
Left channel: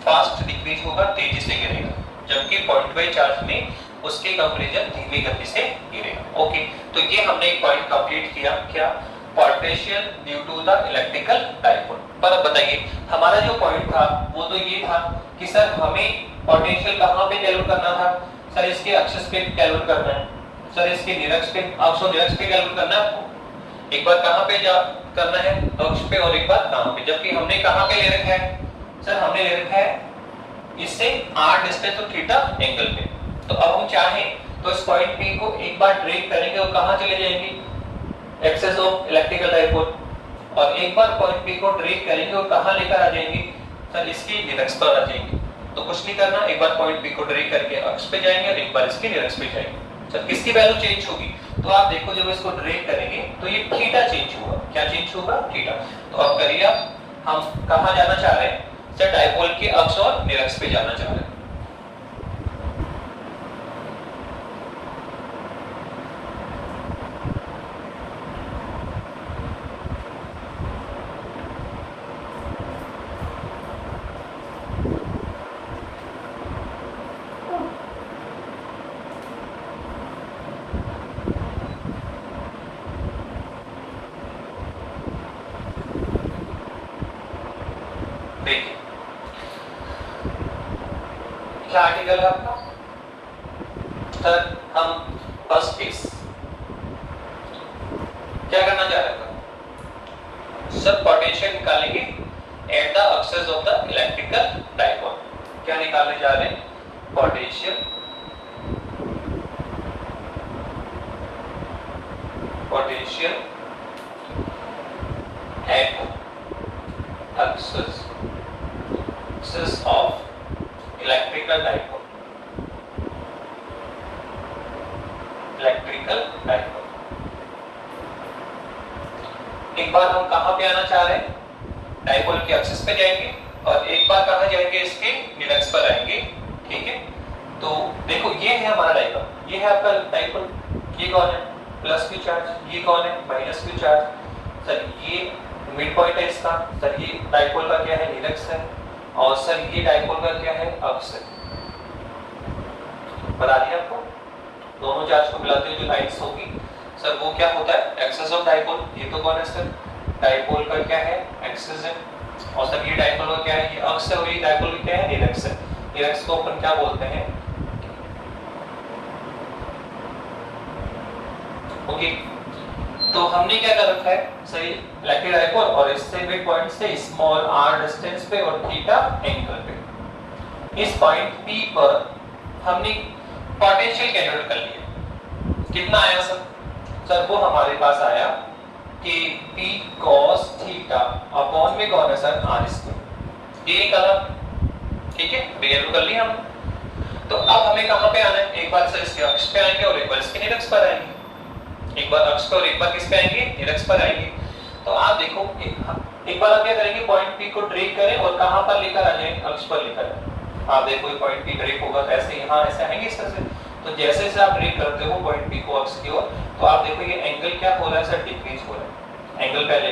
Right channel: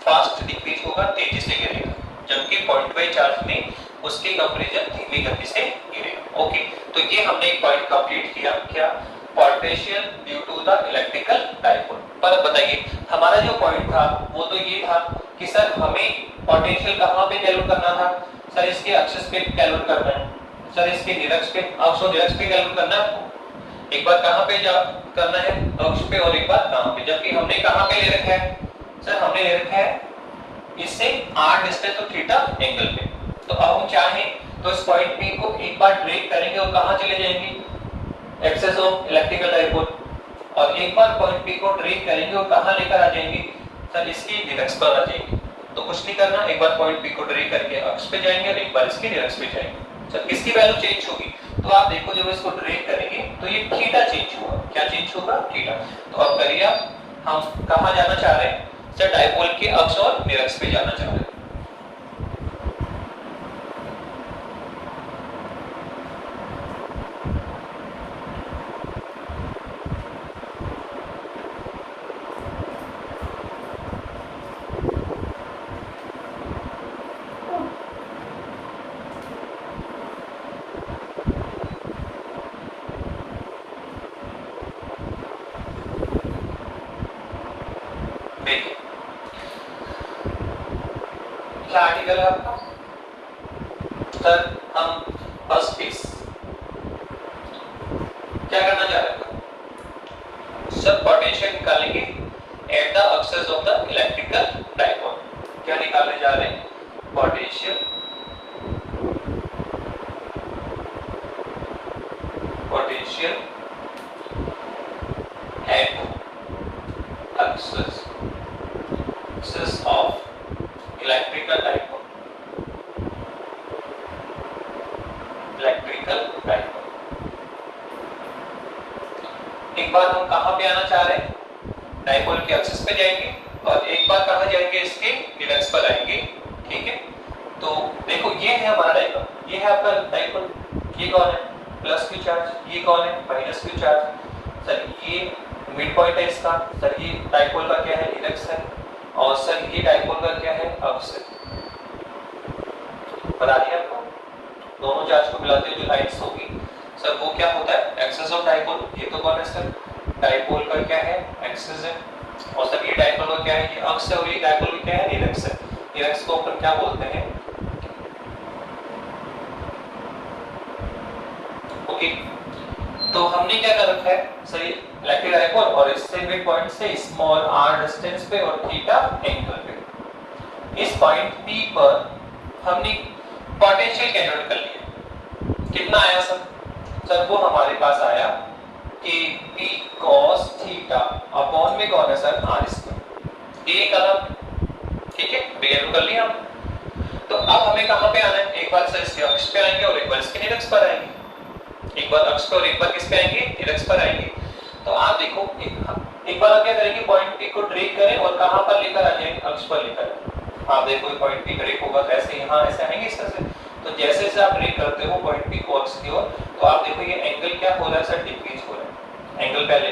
फास्ट डिक्रीज होगा, तेजी से गिरेगा, जबकि पॉइंट बाई चार्ज में उसकी कंक्लूजन धीमी गति से गिरेगा। ओके, तो ये हमने एक पॉइंट कंप्लीट किया, क्या potential due to the electrical dipole. पर बताइए हमारा जो पॉइंट था वो तो ये था कि सर हमें पोटेंशियल कहां पे कैलकुलेट करना था, सर इसके एक्सिस पे कैलकुलेट करना है, सर इसके निरक्ष पे, अक्ष निरक्ष पे कैलकुलेट करना है आपको। एक बार कहां पे जा करना है, अक्ष पे, और एक बार कहां पे, जबकि हमने कहां पे ले रखा है, सर हमने ले रखा है इससे r डिस्टेंस तो थीटा एंगल पे। तो अब हम चाहें तो इस पॉइंट P को एक बार ड्रैग करेंगे और कहां चले जाएंगे, एक्सिस ऑफ इलेक्ट्रिकल डाइपोल, और एक बार पॉइंट P को ड्रैग करेंगे और कहां लेकर आ जाएंगे, सर इसकी निरक्ष पर आ जाएंगे। तो कुछ नहीं करना, एक बार पॉइंट P को ड्रैग करके अक्ष पे जाएंगे और एक बार इसके निरक्ष पे जाएंगे। सर किसकी वैल्यू चेंज होगी, तो आप देखो जब इसको ड्रैग करेंगे तो ये थीटा चेंज होगा, क्या चेंज होगा, थीटा। तो अब करिए आप, हम कहां जाना चाह रहे हैं, सर डाइपोल के अक्ष और निरक्ष पे जाना चाह रहे हैं। क्या आर्टिकल है आपका, सर हम फर्स्ट केस क्या करना चाह रहे हैं, सर पोटेंशियल निकालेंगे at the axis of the electrical dipole. क्या निकालने जा रहे हैं, potential at axis of electrical dipole. एक बार हम कहां पे आना चाह रहे हैं, डाइपोल के एक्सिस पे जाएंगे और एक बार कहां जाएंगे, इसके निरक्ष पर आएंगे। ठीक है, तो देखो ये है हमारा डाइपोल, ये है आपका डाइपोल, ये कौन है, प्लस क्यू चार्ज, ये कौन है, माइनस क्यू चार्ज। सर ये मिड पॉइंट है इसका, सर ये डाइपोल का क्या है, निरक्ष है, और सर ये डाइपोल का क्या है, अक्ष है। बता दिया आपको, दोनों चार्ज को मिलाते जो लाइट्स होगी, सर वो क्या होता है, एक्सिस ऑफ डाइपोल। ये तो कौन है सर, डाइपोल का क्या है, एक्सिस है, और सर ये डाइपोल का क्या है, ये अक्ष है, और ये डाइपोल का क्या है, निरक्ष है। निरक्ष को अपन क्या बोलते हैं, ओके। तो हमने क्या कर रखा है, सर इलेक्ट्रिक डाइपोल और इससे मिड पॉइंट से स्मॉल r डिस्टेंस पे और थीटा एंगल पे, इस पॉइंट P पर हमने पोटेंशियल कैलकुलेट कर लिया। कितना आया सर, सर वो हमारे पास आया कि P cos थीटा अपॉन में कौन है सर, r स्क्वायर। ये करा, ठीक है, वैल्यू कर लिया हमने। तो अब हमें कहां पे आना है, एक बार सर इसके अक्ष पे आएंगे और एक बार इसके निरक्ष पर आएंगे, एक बार अक्ष पर और एक बार किस पे आएंगे, निरक्ष पर आएंगे। तो आप देखो एक बार हम क्या करेंगे, पॉइंट P को ड्रैग करें और कहां पर लेकर आ जाएंगे, अक्ष पर लेकर आएंगे। आप देखो पॉइंट P ड्रैग होगा कैसे, यहां ऐसे आएंगे इस तरह से। तो जैसे जैसे आप ड्रैग करते हो पॉइंट P को अक्ष की ओर, तो आप देखो ये एंगल क्या हो रहा है सर, डिक्रीज हो रहा है। एंगल पहले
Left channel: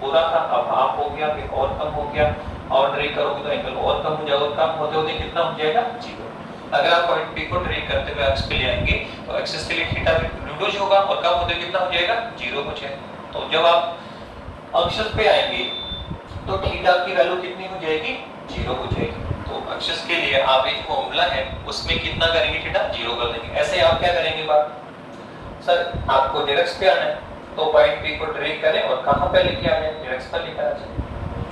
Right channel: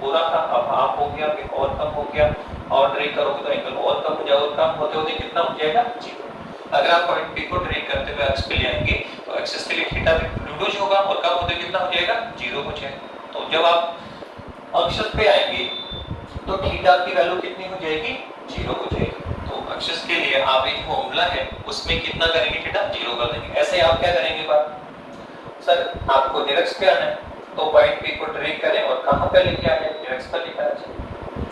पूरा था, अब हाफ हो गया, फिर और कम हो गया, और ड्रैग करोगे तो एंगल और कम हो जाएगा, और कम होते होते कितना हो जाएगा, 0। अगर आप पॉइंट P को ड्रैग करते हुए अक्ष पे ले आएंगे तो एक्सिस के लिए थीटा रिड्यूस होगा, और कम होते कितना हो जाएगा, 0 हो जाएगा। तो जब आप अक्ष पे आएंगे तो थीटा की वैल्यू कितनी हो जाएगी, 0 हो जाएगी। तो अक्ष के लिए आप एक फॉर्मूला है उसमें कितना करेंगे, थीटा 0 कर देंगे। ऐसे आप क्या करेंगे बात, सर आपको निरक्ष पे आना है तो पॉइंट P को ड्रैग करें और कहां पे लेके आ जाए, निरक्ष पर लेकर आ जाए।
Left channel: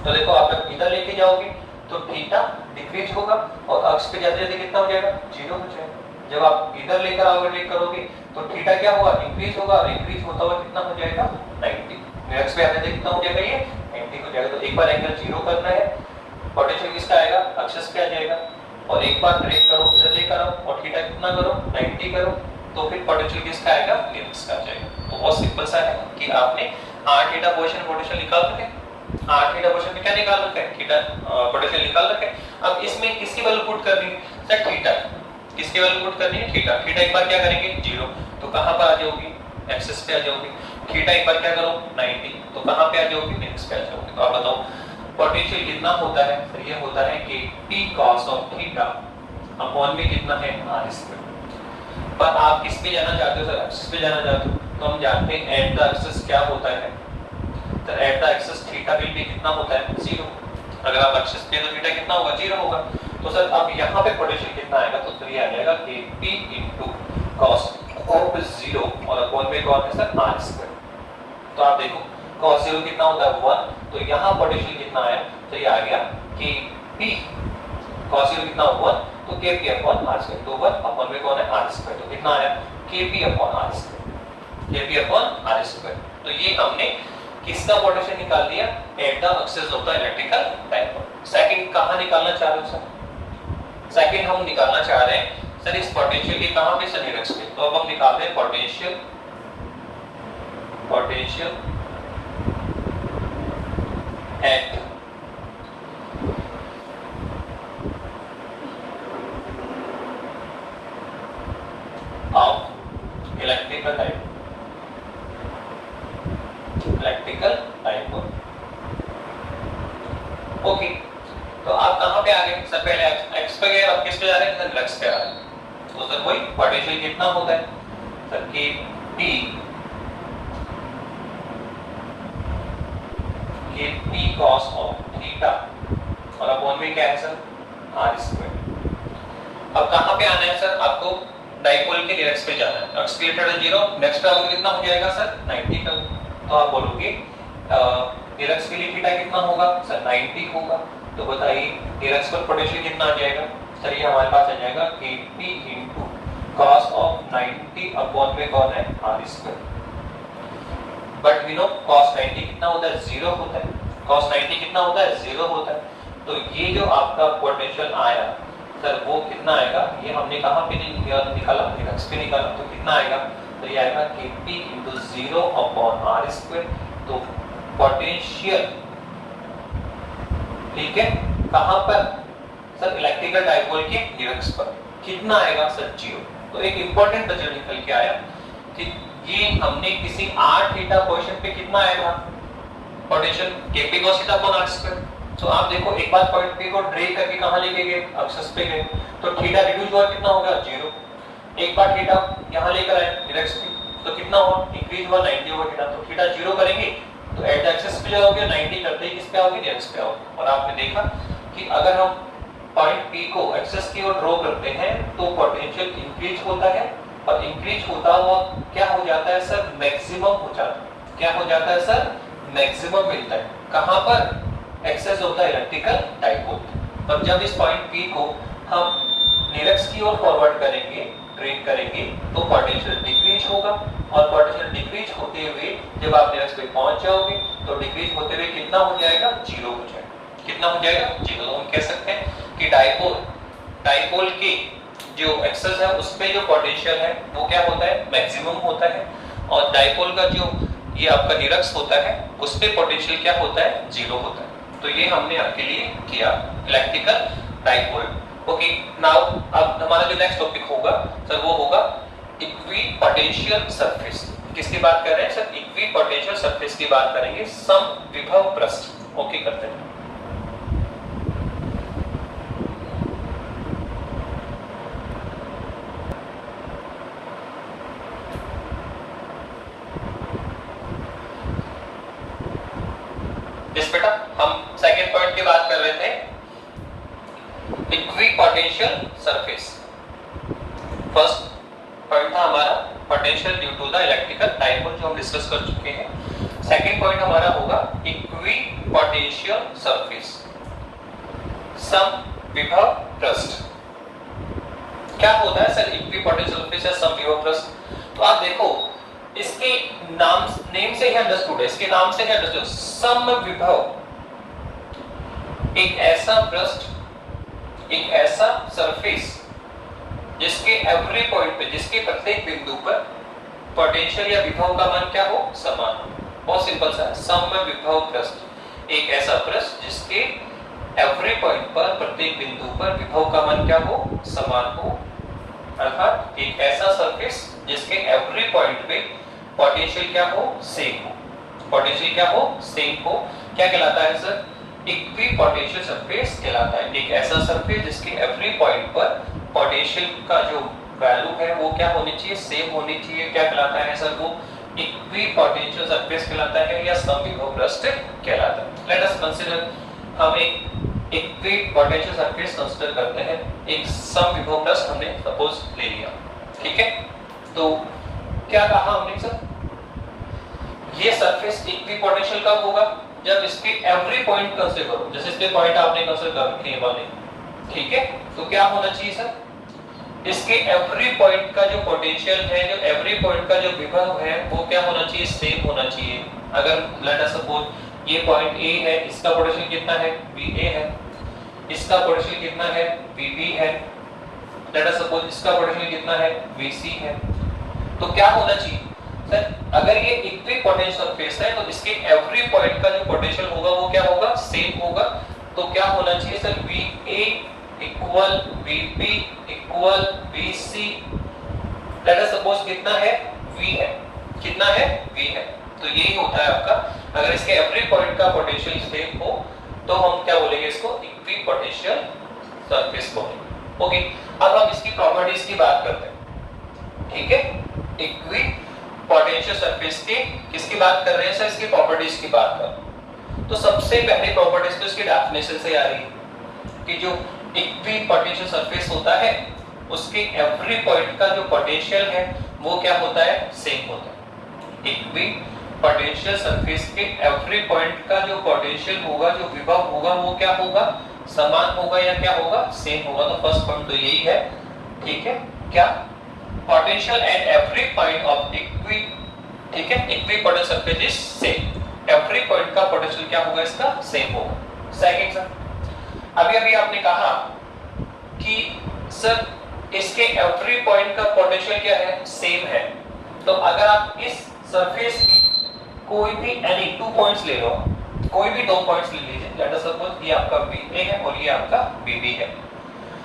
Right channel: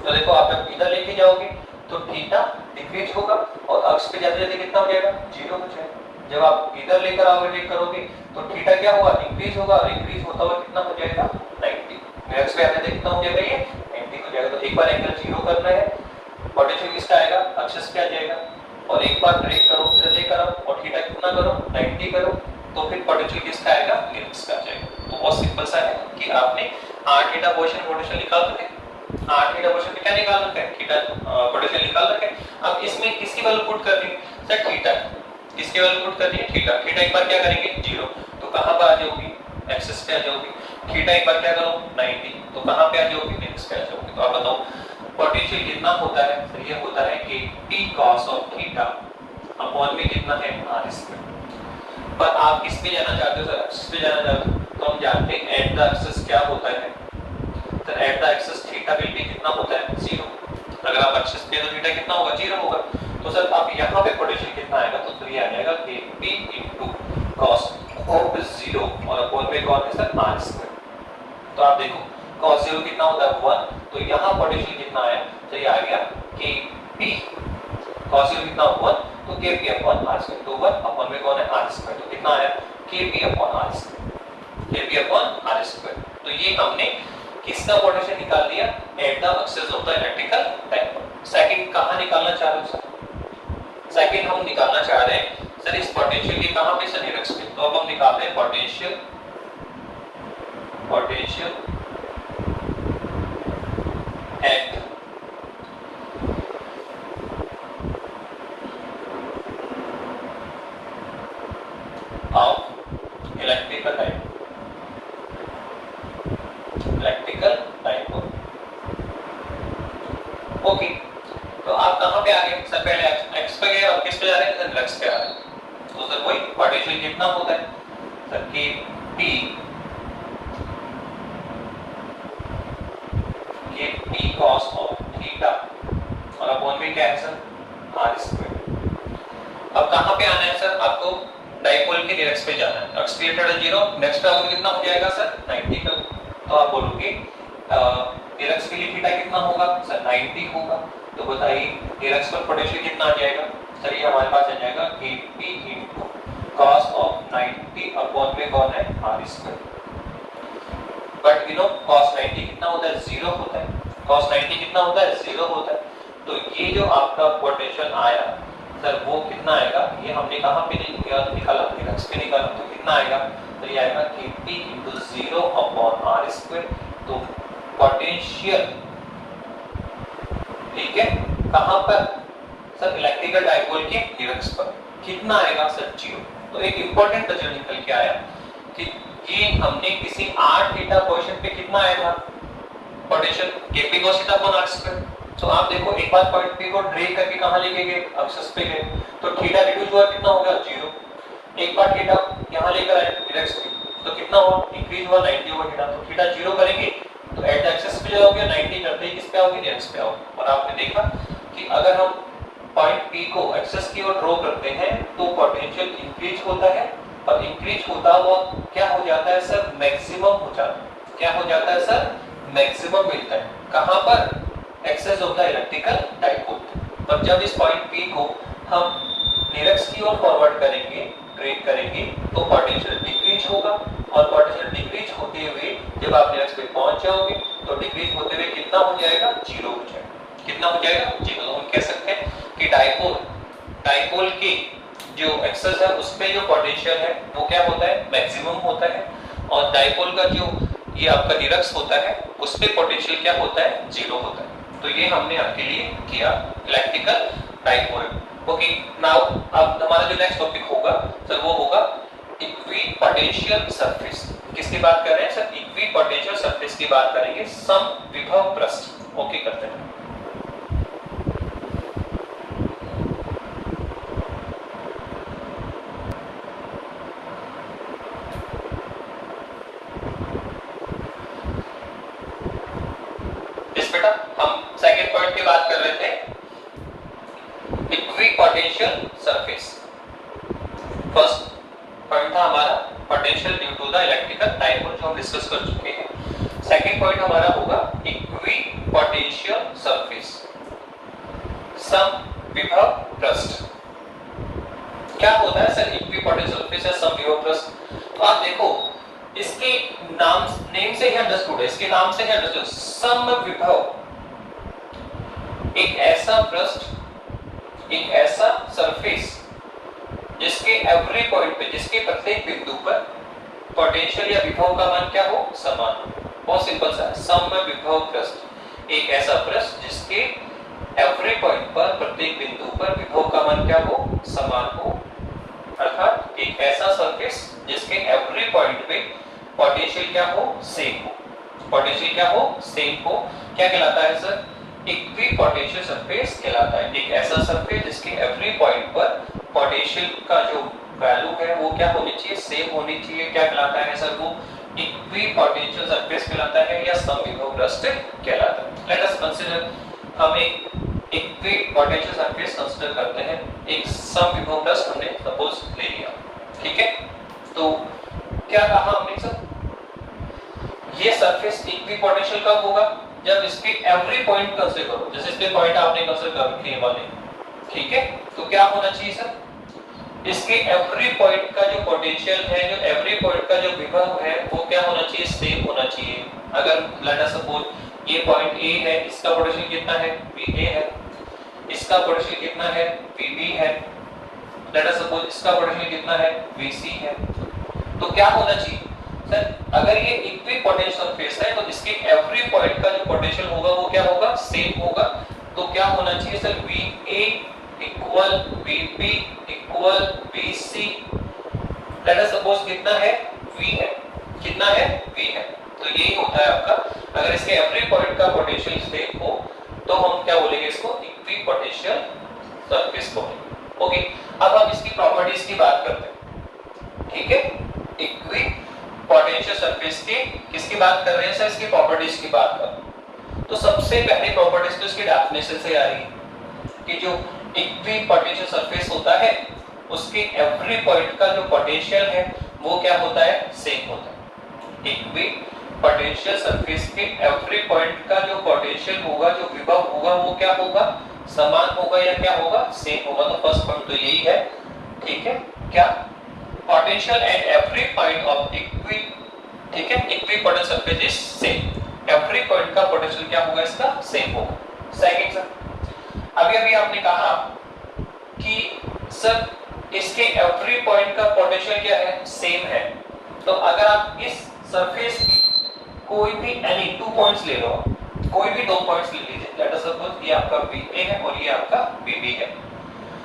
तो देखो आप इधर लेके जाओगे तो थीटा डिक्रीज होगा, और अक्ष पे जाते जाते कितना हो जाएगा, 0 हो जाएगा। जब आप इधर लेकर आओगे, ड्रैग करोगे तो थीटा क्या होगा, इंक्रीज होगा, और इंक्रीज होता हुआ कितना हो जाएगा, 90। निरक्ष पे आते कितना हो जाएगा, ये 90 हो जाएगा। तो एक बार एंगल 0 करना है, पोटेंशियल किसका आएगा, एक्सिस पे आ जाएगा, और एक बार ड्रैग करो, इधर लेकर आओ और थीटा कितना करो, 90 करो, तो फिर पोटेंशियल किसका आएगा, निरक्ष का आ जाएगा। तो बहुत सिंपल सा है कि आपने r थीटा पोटेंशियल निकाल सके, r थीटा पोटेंशियल में क्या निकाल रखा है, थीटा पोटेंशियल निकाल रखा है। अब इसमें किसकी वैल्यू पुट करनी है, सर थीटा, इसकी वैल्यू पुट करनी है, थीटा। थीटा एक बार क्या करेंगे, 0, तो कहां पर आ जाओगी, एक्सिस पे आ जाओगी। थीटा एक बार क्या करो 90, तो कहां पे आ जाओगे नेक्स्ट पे आ जाओगे। तो आप बताओ पोटेंशियल कितना होता है, तो ये होता है कि p cos of theta upon में कितना है r स्क्वायर। पर आप किस पे जाना चाहते हो सर, एक्सिस पे जाना चाहते हो, तो हम जानते हैं एट द एक्सिस क्या होता है, तो एट द एक्सिस थीटा भी कितना होता है 0। अगर आप एक्सिस पे तो थीटा कितना होगा 0 होगा। तो सर अब यहाँ पे पोटेंशियल कितना आएगा, तो फिर ये आ जाएगा कि p इनटू cos ऑफ 0 और अपॉन में कौन है सर r स्क्वायर। तो आप देखो cos 0 कितना होता है 1, तो यहाँ पोटेंशियल कितना है, तो ये आ गया कि p cos 0 कितना 1, तो kp अपॉन r स्क्वायर, तो 1 अपॉन में कौन है r स्क्वायर, कितना आया kp upon r square, kp upon r square. तो ये हमने किसका पोटेंशियल निकाल दिया, at the axis of the electrical dipole. Second कहां निकालना चाह रहे हो सर, सेकंड हम निकालना चाह रहे हैं सर इस पोटेंशियल की कहां पे सर निरक्स पे। तो अब हम निकाल रहे हैं potential at of electrical dipole. Okay, तो आप कहां पे आ गए सर, पहले एक्स पे गए और किस पे जा रहे हैं सर, एक्स पे आ रहे हैं। तो सर वही पोटेंशियल कितना होता है सर कि p cos ऑफ थीटा और अपॉन में क्या है सर r स्क्वायर। अब कहां पे आना है सर, आपको डायपोल के निरक्स पे जाना है। एक्स पे 0, नेक्स्ट पे आपको कितना हो जाएगा सर 90 का। तो आप बोलोगे निरक्स के लिए थीटा कितना होगा सर 90 होगा। तो बताइए निरक्स पर पोटेंशियल कितना आ जाएगा सर, ये हमारे पास आ जाएगा कि p into cos of 90 upon में कौन है r square. But we know cos 90 कितना होता है 0 होता है, cos 90 कितना होता है 0 होता है। तो ये जो आपका पोटेंशियल आया सर वो कितना आएगा, ये हमने कहां पे निकाला, निरक्स पे निकाला, तो कितना आएगा, तो ये आएगा कि p into 0 upon r square. तो पोटेंशियल ठीक है कहां पर सर, इलेक्ट्रिकल डायपोल के निरक्स पर कितना आएगा सर 0। तो एक इंपॉर्टेंट रिजल्ट निकल के आया कि ये हमने किसी r थीटा पोजीशन पे कितना आएगा potential kp cos theta upon r square. तो आप देखो एक बार पॉइंट p को ड्रे करके कहां लेके गए, एक्सिस पे गए, तो थीटा रिड्यूस हुआ कितना हो गया 0। एक बार थीटा यहां लेकर आए निरक्स पे, तो कितना हुआ इंक्रीज हुआ 90 हुआ थीटा। तो थीटा 0 करेंगे तो एट द एक्सिस पे जाओगे 90 करते ही किस पे आओगे निरक्स पे आओगे। और आपने देखा कि अगर हम पॉइंट P को एक्सिस की ओर ड्रॉ करते हैं तो पोटेंशियल इंक्रीज होता है, और इंक्रीज होता हुआ क्या हो जाता है सर मैक्सिमम हो जाता है। क्या हो जाता है सर मैक्सिमम मिलता है कहां पर, एक्सिस होता है इलेक्ट्रिकल डायपोल। पर जब इस पॉइंट P को हम निरक्स की ओर फॉरवर्ड करेंगे, ट्रेड करेंगे, तो पोटेंशियल डिक्रीज होगा, और पोटेंशियल डिक्रीज होते हुए जब आप निरक्स पे पहुंच जाओगे तो डिक्रीज होते हुए कितना हो जाएगा 0 हो जाएगा। कितना हो जाएगा 0। हम कह सकते हैं कि डायपोल की जो एक्सिस है उस पे जो पोटेंशियल है वो क्या होता है मैक्सिमम होता है, और डायपोल का जो ये आपका निरक्स होता है उस पे पोटेंशियल क्या होता है 0 होता है। तो ये हमने आपके लिए किया इलेक्ट्रिकल डायपोल। ओके, नाउ अब हमारा जो नेक्स्ट टॉपिक होगा सर वो होगा इक्विपोटेंशियल सरफेस। किसकी बात कर रहे हैं सर, इक्विपोटेंशियल सरफेस की बात करेंगे, समविभव पृष्ठ। ओके करते हैं। जिस बेटा हम सेकेंड पॉइंट की बात कर रहे थे इक्विपोटेंशियल सरफेस। फर्स्ट पॉइंट था हमारा potential due to the electrical dipole जो हम डिस्कस कर चुके हैं। सेकंड पॉइंट हमारा होगा इक्विपोटेंशियल सरफेस, समविभव पृष्ठ। क्या होता है सर इक्विपोटेंशियल सरफेस या समविभव पृष्ठ। तो आप देखो इसके नेम से ही अंडरस्टूड है, इसके नाम से ही अंडरस्टूड। समविभव एक ऐसा पृष्ठ, एक ऐसा सरफेस जिसके एवरी पॉइंट पे, जिसके प्रत्येक बिंदु पर पोटेंशियल या विभव का मान क्या हो समान हो। बहुत सिंपल सा समविभव पृष्ठ एक ऐसा पृष्ठ जिसके एवरी पॉइंट पर, प्रत्येक बिंदु पर विभव का मान क्या हो समान हो, अर्थात एक ऐसा सरफेस जिसके एवरी पॉइंट पे पोटेंशियल क्या हो, सेम हो, पोटेंशियल क्या हो, सेम हो, क्या कहलाता है सर, इक्विपोटेंशियल सरफेस कहलाता है। एक ऐसा सरफेस जिसके एवरी पॉइंट पर पोटेंशियल का जो वैल्यू है वो क्या होनी चाहिए, सेम होनी चाहिए, क्या कहलाता है सर, वो इक्विपोटेंशियल सरफेस कहलाता है या समविभव कहलाता है। लेट अस कंसीडर, हम एक इक्विपोटेंशियल सरफेस कंसीडर करते हैं, एक समविभव हमने सपोज ले लिया, ठीक है। तो क्या कहा हमने सर, ये सरफेस इक्विपोटेंशियल कब होगा, जब इसके एवरी पॉइंट कंसीडर करो, जैसे इसके पॉइंट आपने कंसीडर कर रखे वाले, ठीक है। तो क्या होना चाहिए सर, इसके एवरी पॉइंट का जो पोटेंशियल है, जो एवरी पॉइंट का जो विभव है वो क्या होना चाहिए, सेम होना चाहिए। अगर लेट अस सपोज ये पॉइंट ए है, इसका पोटेंशियल कितना है, VA है, इसका पोटेंशियल कितना है, VB है, लेट अस सपोज इसका पोटेंशियल कितना है, VC है। तो क्या होना चाहिए सर, अगर ये इक्विपोटेंशियल सरफेस है तो इसके एवरी पॉइंट का जो पोटेंशियल होगा वो क्या होगा, सेम होगा। तो क्या होना चाहिए sir, VA equal VB equal VC, late us suppose कितना है, V है, कितना है, V है। तो यही होता है आपका, अगर इसके एवरी पॉइंट का पोटेंशियल सेम हो तो हम क्या बोलेंगे, इसको इक्विपोटेंशियल सरफेस बोलेंगे। ओके, अब हम इसकी प्रॉपर्टीज की बात करते हैं, ठीक है। इक्विपोटेंशियल सरफेस की किसकी बात कर रहे हैं सर, इसकी प्रॉपर्टीज की बात कर रहे हैं। तो सबसे पहली प्रॉपर्टीज तो इसकी डेफिनेशन से आ रही है कि जो इक्विपोटेंशियल सरफेस होता है उसके एवरी पॉइंट का जो पोटेंशियल है वो क्या होता है, सेम होता है। इक्विपोटेंशियल सरफेस के एवरी पॉइंट का जो पोटेंशियल होगा, जो विभव होगा वो क्या होगा, समान होगा या क्या होगा, सेम होगा। तो फर्स्ट पॉइंट तो यही है, ठीक है। क्या, potential at every point of ठीक है, equipotential surface is same, every point का पोटेंशियल क्या होगा, इसका सेम होगा। सेकंड सर, अभी आपने कहा कि सर इसके एवरी पॉइंट का पोटेंशियल क्या है, सेम है। तो अगर आप इस सरफेस की कोई भी एनी 2 पॉइंट्स ले लो, कोई भी 2 पॉइंट्स ले लीजिए, लेट अस सपोज ये आपका VA है और ये आपका VB है।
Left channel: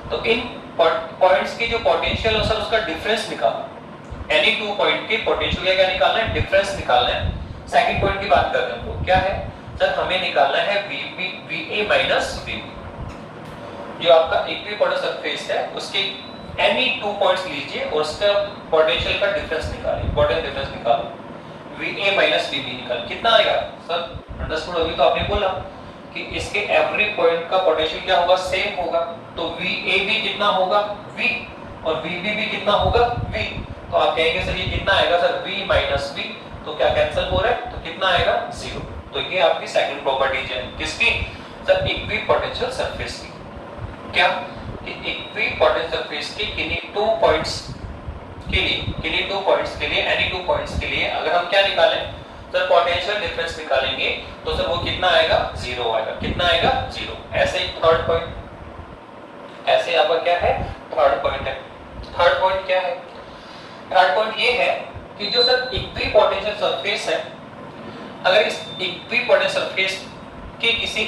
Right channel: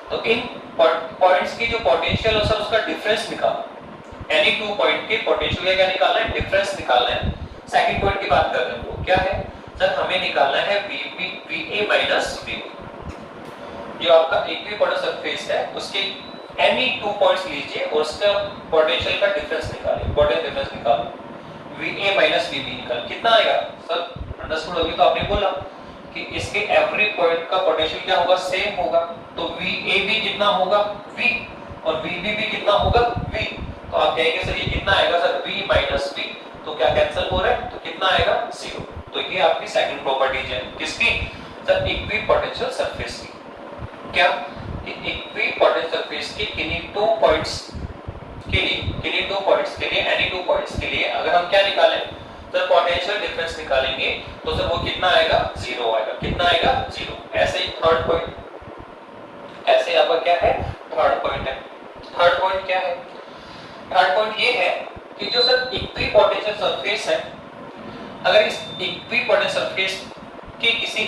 तो इन पॉइंट्स की जो पोटेंशियल है सर उसका डिफरेंस निकालना, एनी 2 पॉइंट के पोटेंशियल का निकालना है, डिफरेंस निकालना है। सेकंड पॉइंट की बात करते हैं, तो क्या है सर, हमें निकालना है VA माइनस VB। जो आपका इक्विपोटेंशियल सरफेस है उसके एनी 2 पॉइंट्स लीजिए और उसका पोटेंशियल का डिफरेंस निकालिए, पोटेंशियल डिफरेंस निकालो, VA माइनस VB निकाल, कितना आएगा सर, अंडरस्टूड। अभी तो आपने बोला कि इसके एवरी पॉइंट का पोटेंशियल क्या होगा, सेम होगा। तो VA भी कितना होगा, V, और VB भी कितना होगा, V। तो आप कहेंगे सर ये कितना आएगा सर, V माइनस V, तो क्या कैंसिल हो रहा है, तो कितना आएगा, 0। तो ये आपकी सेकंड प्रॉपर्टी है, किसकी सर, इक्विपोटेंशियल सरफेस की। क्या, इक्विपोटेंशियल सरफेस की किन्हीं 2 पॉइंट्स के लिए, किन्हीं 2 पॉइंट्स के लिए, एनी 2 पॉइंट्स के लिए अगर हम क्या निकालें सर, पोटेंशियल डिफरेंस निकालेंगे तो सर वो कितना आएगा, 0 आएगा, कितना आएगा, 0। ऐसे ही थर्ड पॉइंट, ऐसे आपका क्या है, थर्ड पॉइंट है। थर्ड पॉइंट क्या है, थर्ड पॉइंट ये है कि जो सर इक्विपोटेंशियल सरफेस है, अगर इस इक्विपोटेंशियल सरफेस के किसी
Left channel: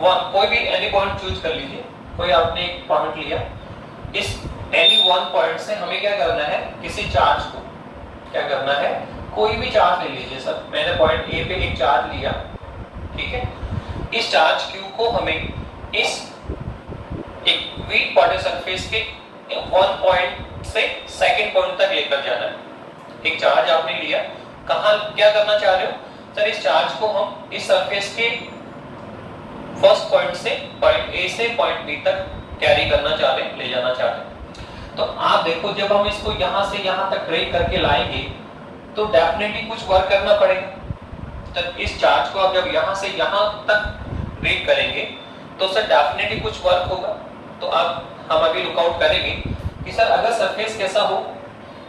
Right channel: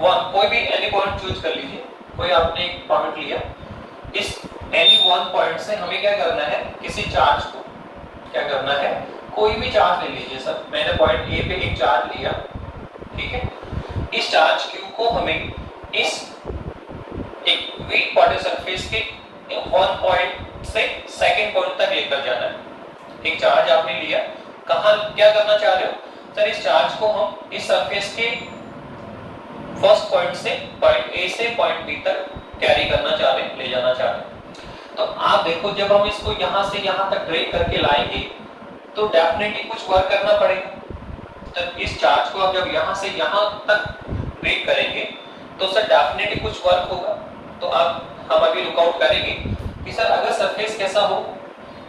कोई भी एनी पॉइंट चूज कर लीजिए, कोई आपने एक पॉइंट लिया, इस एनी 1 पॉइंट से हमें क्या करना है, किसी चार्ज को क्या करना है, कोई भी चार्ज ले लीजिए सर, मैंने पॉइंट A पे एक चार्ज लिया, ठीक है। इस चार्ज Q को हमें इस इक्विपोटेंशियल सरफेस के 1 पॉइंट से सेकंड पॉइंट तक लेकर जाना है। एक चार्ज आपने लिया, कहां क्या करना चाह रहे हो सर, इस चार्ज को हम इस सरफेस के फर्स्ट पॉइंट से पॉइंट A से पॉइंट B तक कैरी करना चाह रहे हैं, ले जाना चाह रहे हैं। तो आप देखो जब हम इसको यहां से यहां तक ड्रैग करके लाएंगे तो डेफिनेटली कुछ वर्क करना पड़ेगा। तो इस चार्ज को आप जब यहां से यहां तक ड्रैग करेंगे तो सर डेफिनेटली कुछ वर्क होगा। तो अब हम अभी लुकआउट करेंगे कि सर अगर सरफेस कैसा हो,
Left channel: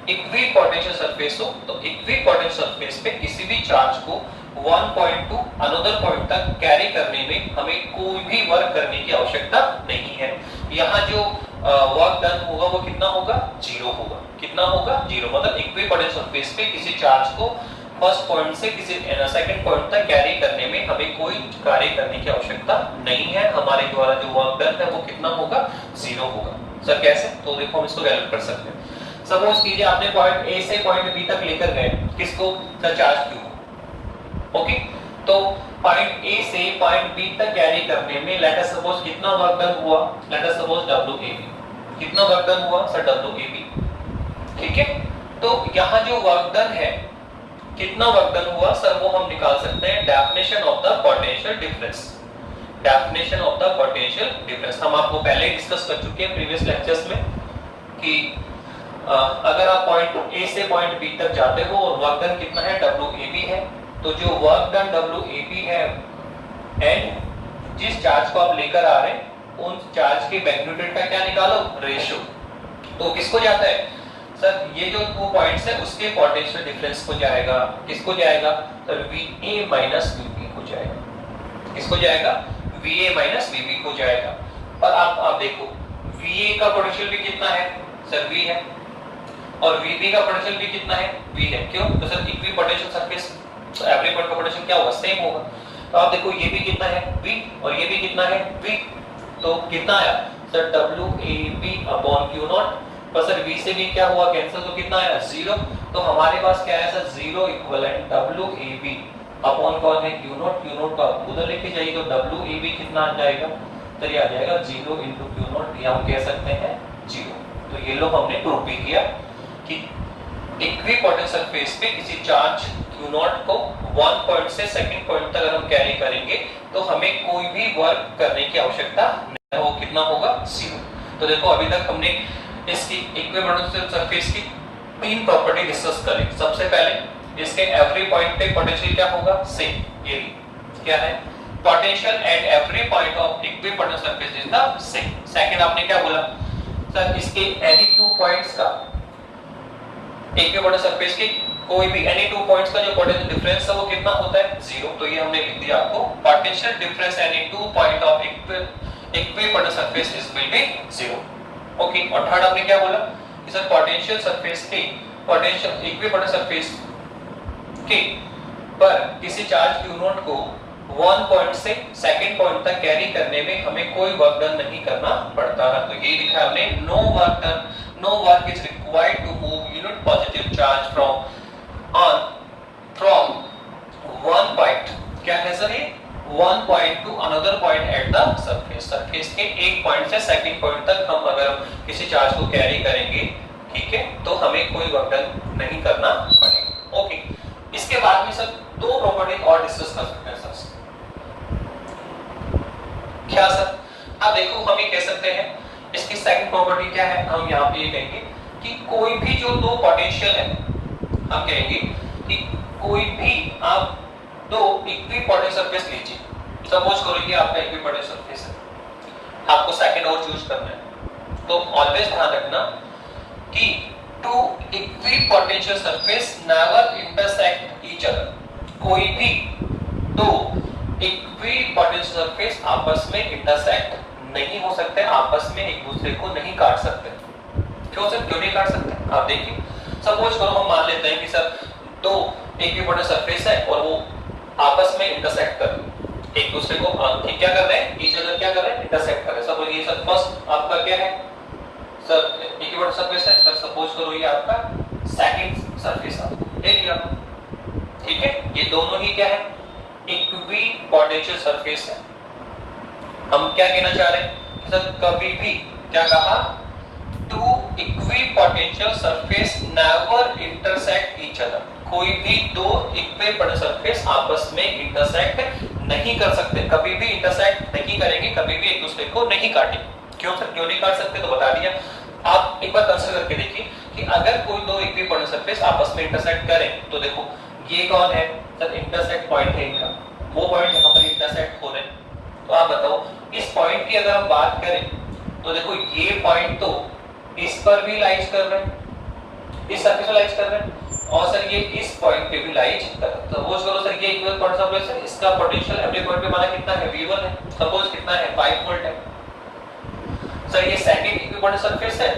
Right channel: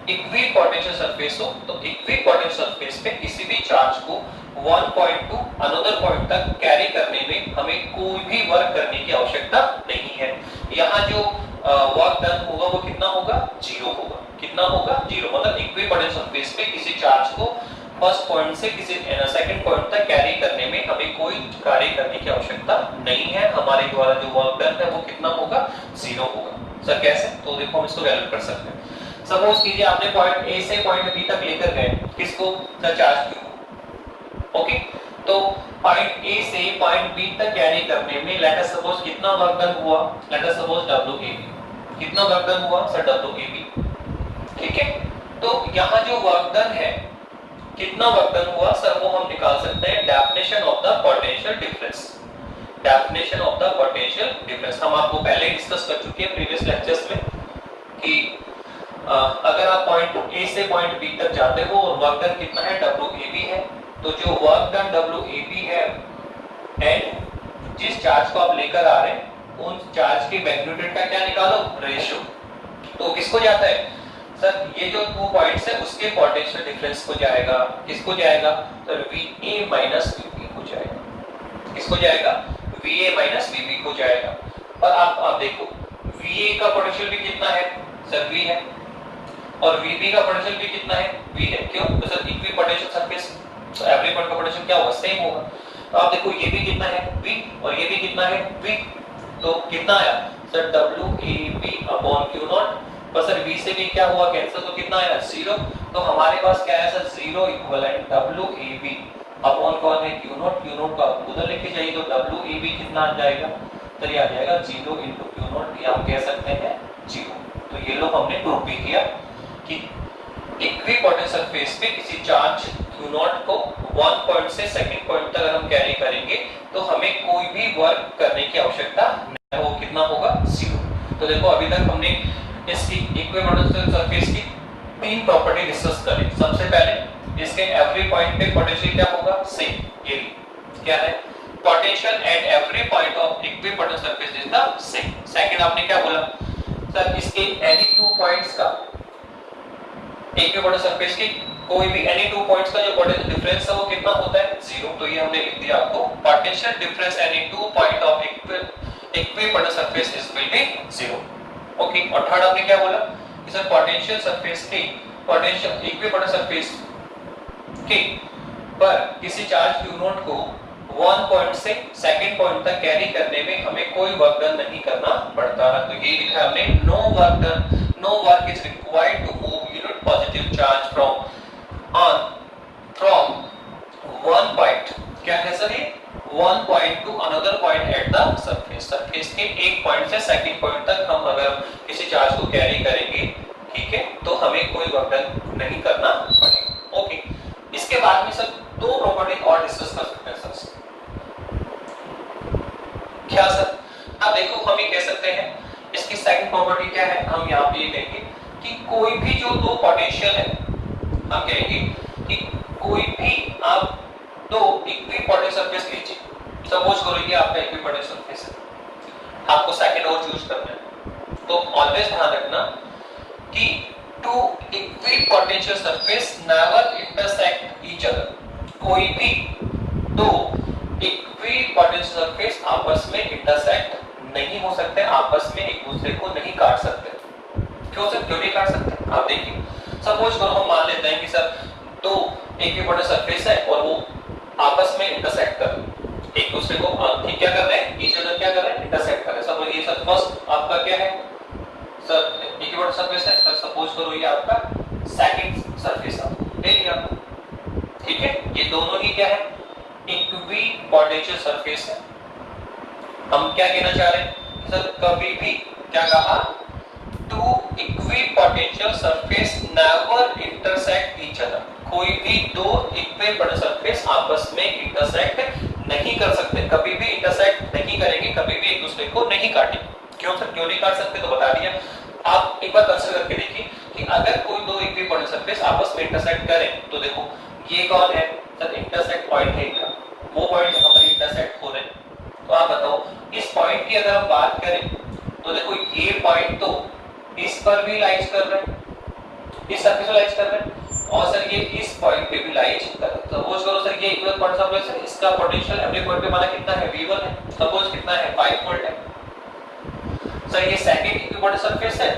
इक्विपोटेंशियल सरफेस हो, तो इक्विपोटेंशियल सरफेस पे किसी भी चार्ज को 1 पॉइंट टू अनदर पॉइंट तक कैरी करने में हमें कोई भी वर्क करने की आवश्यकता नहीं है। यहाँ जो वर्क डन होगा वो कितना होगा, 0 होगा। कितना होगा, 0। मतलब इक्विपोटेंशियल सरफेस पे किसी चार्ज को फर्स्ट पॉइंट से किसी सेकंड पॉइंट तक कैरी करने में हमें कोई कार्य करने की आवश्यकता नहीं है। हमारे द्वारा जो वर्क डन है वो कितना होगा, 0 होगा। सर कैसे, तो देखो हम इसको कैलकुलेट कर सकते हैं। सपोज कीजिए आपने पॉइंट ए से पॉइंट बी तक लेकर गए, किसको? The charge Q. ओके, तो पॉइंट ए से पॉइंट बी तक कैरी करने में लेट अस सपोज कितना वर्क डन हुआ? Let us suppose W A B. कितना वर्क डन हुआ सर? W A B. ठीक है, तो यहाँ जो वर्क डन है, कितना वर्क डन हुआ सर, वो हम निकाल सकते हैं definition of the potential difference. Definition of the potential difference हम आपको पहले ही डिस्कस कर चुके हैं प्रीवियस लेक्चर्स में कि अगर आप पॉइंट ए से पॉइंट बी तक जाते हो और वर्क डन कितना है? डब्ल्यू ए बी है, तो जो work done W A B है एंड जिस चार्ज को आप लेकर आ रहे हैं उन चार्ज के मैग्नीट्यूड का क्या निकालो? रेशियो। तो किसको जाता है सर? ये जो 2 पॉइंट्स है उसके पोटेंशियल डिफरेंस को जाएगा। किसको जाएगा सर? VA माइनस VB को जाएगा। किसको जाएगा? VA माइनस VB को जाएगा। और आप देखो VA का पोटेंशियल भी कितना है सर? V है, और VB का पोटेंशियल भी कितना है? V है। क्यों? तो सर इक्वी पोटेंशियल सरफेस, तो एवरी पॉइंट का पोटेंशियल क्या होगा? सेम होगा। तो आप देखो ये भी कितना है? V, और ये भी कितना है? V। तो कितना आया सर? WAB upon Q0। पर सर V से भी क्या हुआ? कैंसिल, तो कितना आया? 0। तो हमारे पास क्या है सर? 0 इक्विवेलेंट WAB अपॉन कौन है? Q0। Q0 को आप उधर लेके जाइए तो WAB कितना आ जाएगा? तो ये आ जाएगा 0 into Q0, या हम कह सकते हैं 0। तो ये लोग हमने प्रूव भी किया कि इक्विपोटेंशियल सरफेस पे किसी चार्ज Q0 को 1 पॉइंट से सेकंड पॉइंट तक अगर हम कैरी करेंगे तो हमें कोई भी वर्क करने की आवश्यकता नहीं। वो कितना होगा? 0। तो देखो अभी तक हमने इसकी इक्विपोटेंशियल सरफेस की 3 प्रॉपर्टी डिस्कस करी। सबसे पहले इसके एवरी पॉइंट पे पोटेंशियल क्या होगा? सेम। ये क्या है? Potential at every point of equipotential surface is the same. Second आपने क्या बोला सर? इसके एनी 2 पॉइंट्स का इक्विपोटेंशियल सरफेस के कोई भी एनी 2 पॉइंट्स का जो पोटेंशियल डिफरेंस है वो कितना होता है? 0। तो ये हमने लिख दिया आपको, potential difference any 2 point of equipotential surface is will be 0। Okay, और थर्ड आपने क्या बोला कि सर पोटेंशियल सरफेस के पोटेंशियल इक्विपोटेंशियल सरफेस के पर किसी चार्ज Q0 को 1 पॉइंट से सेकंड पॉइंट तक कैरी करने में हमें कोई वर्क डन नहीं करना पड़ता है। तो ये लिखा हमने, no work done, no work is required to move unit positive charge from one point, क्या है सर? ये 1 point to another point at the surface. Surface के एक पॉइंट से सेकंड पॉइंट तक हम अगर किसी चार्ज को कैरी करेंगे, ठीक है, तो हमें कोई वर्क डन नहीं करना पड़ेगा। ओके, इसके बाद में सर 2 प्रॉपर्टी और डिस्कस कर सकते हैं सर। क्या सर? अब देखो हम ये कह सकते हैं, इसकी सेकंड प्रॉपर्टी क्या है? हम यहाँ पे ये कहेंगे कि कोई भी जो 2 पोटेंशियल है, हम कहेंगे कि कोई भी आप 2 इक्विपोटेंशियल सरफेस लीजिए। सपोज करो ये आपका इक्विपोटेंशियल सरफेस है, आपको सेकंड और चूज करना है। तो ऑलवेज ध्यान रखना कि 2 equipotential surface never intersect each other. कोई भी 2 इक्विपोटेंशियल सरफेस आपस में इंटरसेक्ट नहीं हो सकते, आपस में एक दूसरे को नहीं काट सकते। क्यों सर? क्यों नहीं काट सकते? आप देखिए, सपोज करो हम मान लेते हैं कि सर 2 इक्विपोटेंशियल सरफेस है और वो आपस में इंटरसेक्ट कर रहे हैं, एक दूसरे को क्या कर रहे हैं? ईच अदर क्या कर रहे हैं? इंटरसेक्ट कर रहे हैं। सपोज ये सर फर्स्ट आपका क्या है सर? इक्विपोटेंशियल सरफेस है सर। सपोज करो ये आपका सेकंड सरफेस है, ले लिया, ठीक है। ये दोनों ही क्या है? इक्विपोटेंशियल सरफेस है। हम क्या कहना चाह रहे हैं सर? कभी भी क्या कहा? 2 equipotential surface never intersect each other. कोई भी 2 इक्विपोटेंशियल सरफेस आपस में इंटरसेक्ट नहीं कर सकते, कभी भी इंटरसेक्ट नहीं करेंगे, कभी भी एक दूसरे को नहीं काटेंगे। क्यों सर? क्यों नहीं काट सकते? तो बता दिया। आप एक बार कंसीडर करके देखिए कि अगर कोई 2 इक्विपोटेंशियल सरफेस आपस में इंटरसेक्ट करें तो देखो ये कौन है सर? इंटरसेक्ट पॉइंट है इनका, वो पॉइंट यहाँ पर इंटरसेक्ट हो रहे हैं। तो आप बताओ इस पॉइंट की अगर हम बात करें तो देखो ये पॉइंट तो इस पर भी लाइज कर रहे हैं, इस सरफेस पर लाइज कर रहे हैं, और सर ये इस पॉइंट पे भी लाइज कर रहे हैं। सपोज करो सर ये इक्विवेलेंट पॉइंट सरफेस है, इसका पोटेंशियल एवरी पॉइंट पे माना कितना है? V1 है। सपोज कितना है? 5 वोल्ट है। सर ये सेकंड इक्विवेलेंट सरफेस है,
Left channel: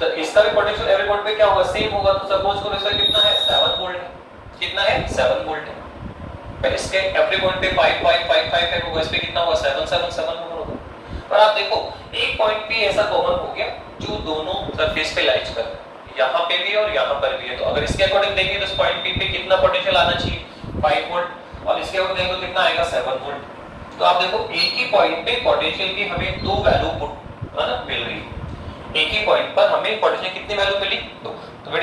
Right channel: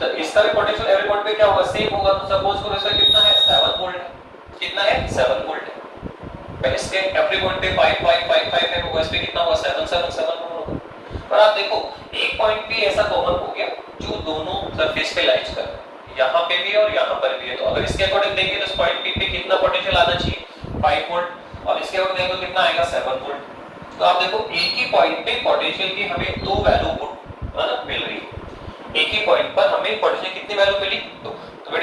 तो इसका भी पोटेंशियल एवरी पॉइंट पे क्या होगा? सेम होगा। तो सपोज करो सर कितना है? 7 वोल्ट है। कितना है? 7 वोल्ट है। पर इसके एवरी पॉइंट पे 5 5 5 5 है होगा, इस पे कितना होगा? 7 7 7 होगा। पर आप देखो एक पॉइंट भी ऐसा कॉमन हो गया जो दोनों सरफेस पे लाइज कर रहा है। यहाँ पे भी है और यहाँ पर भी है, तो अगर इसके अकॉर्डिंग देंगे तो इस पॉइंट पी पे कितना पोटेंशियल आना चाहिए 5 वोल्ट, और इसके अकॉर्डिंग देंगे तो कितना आएगा 7 वोल्ट। तो आप देखो एक ही पॉइंट पे पोटेंशियल की हमें दो वैल्यू मिल रही है, एक ही पॉइंट पर हमें पोटेंशियल कितनी वैल्यू मिली, तो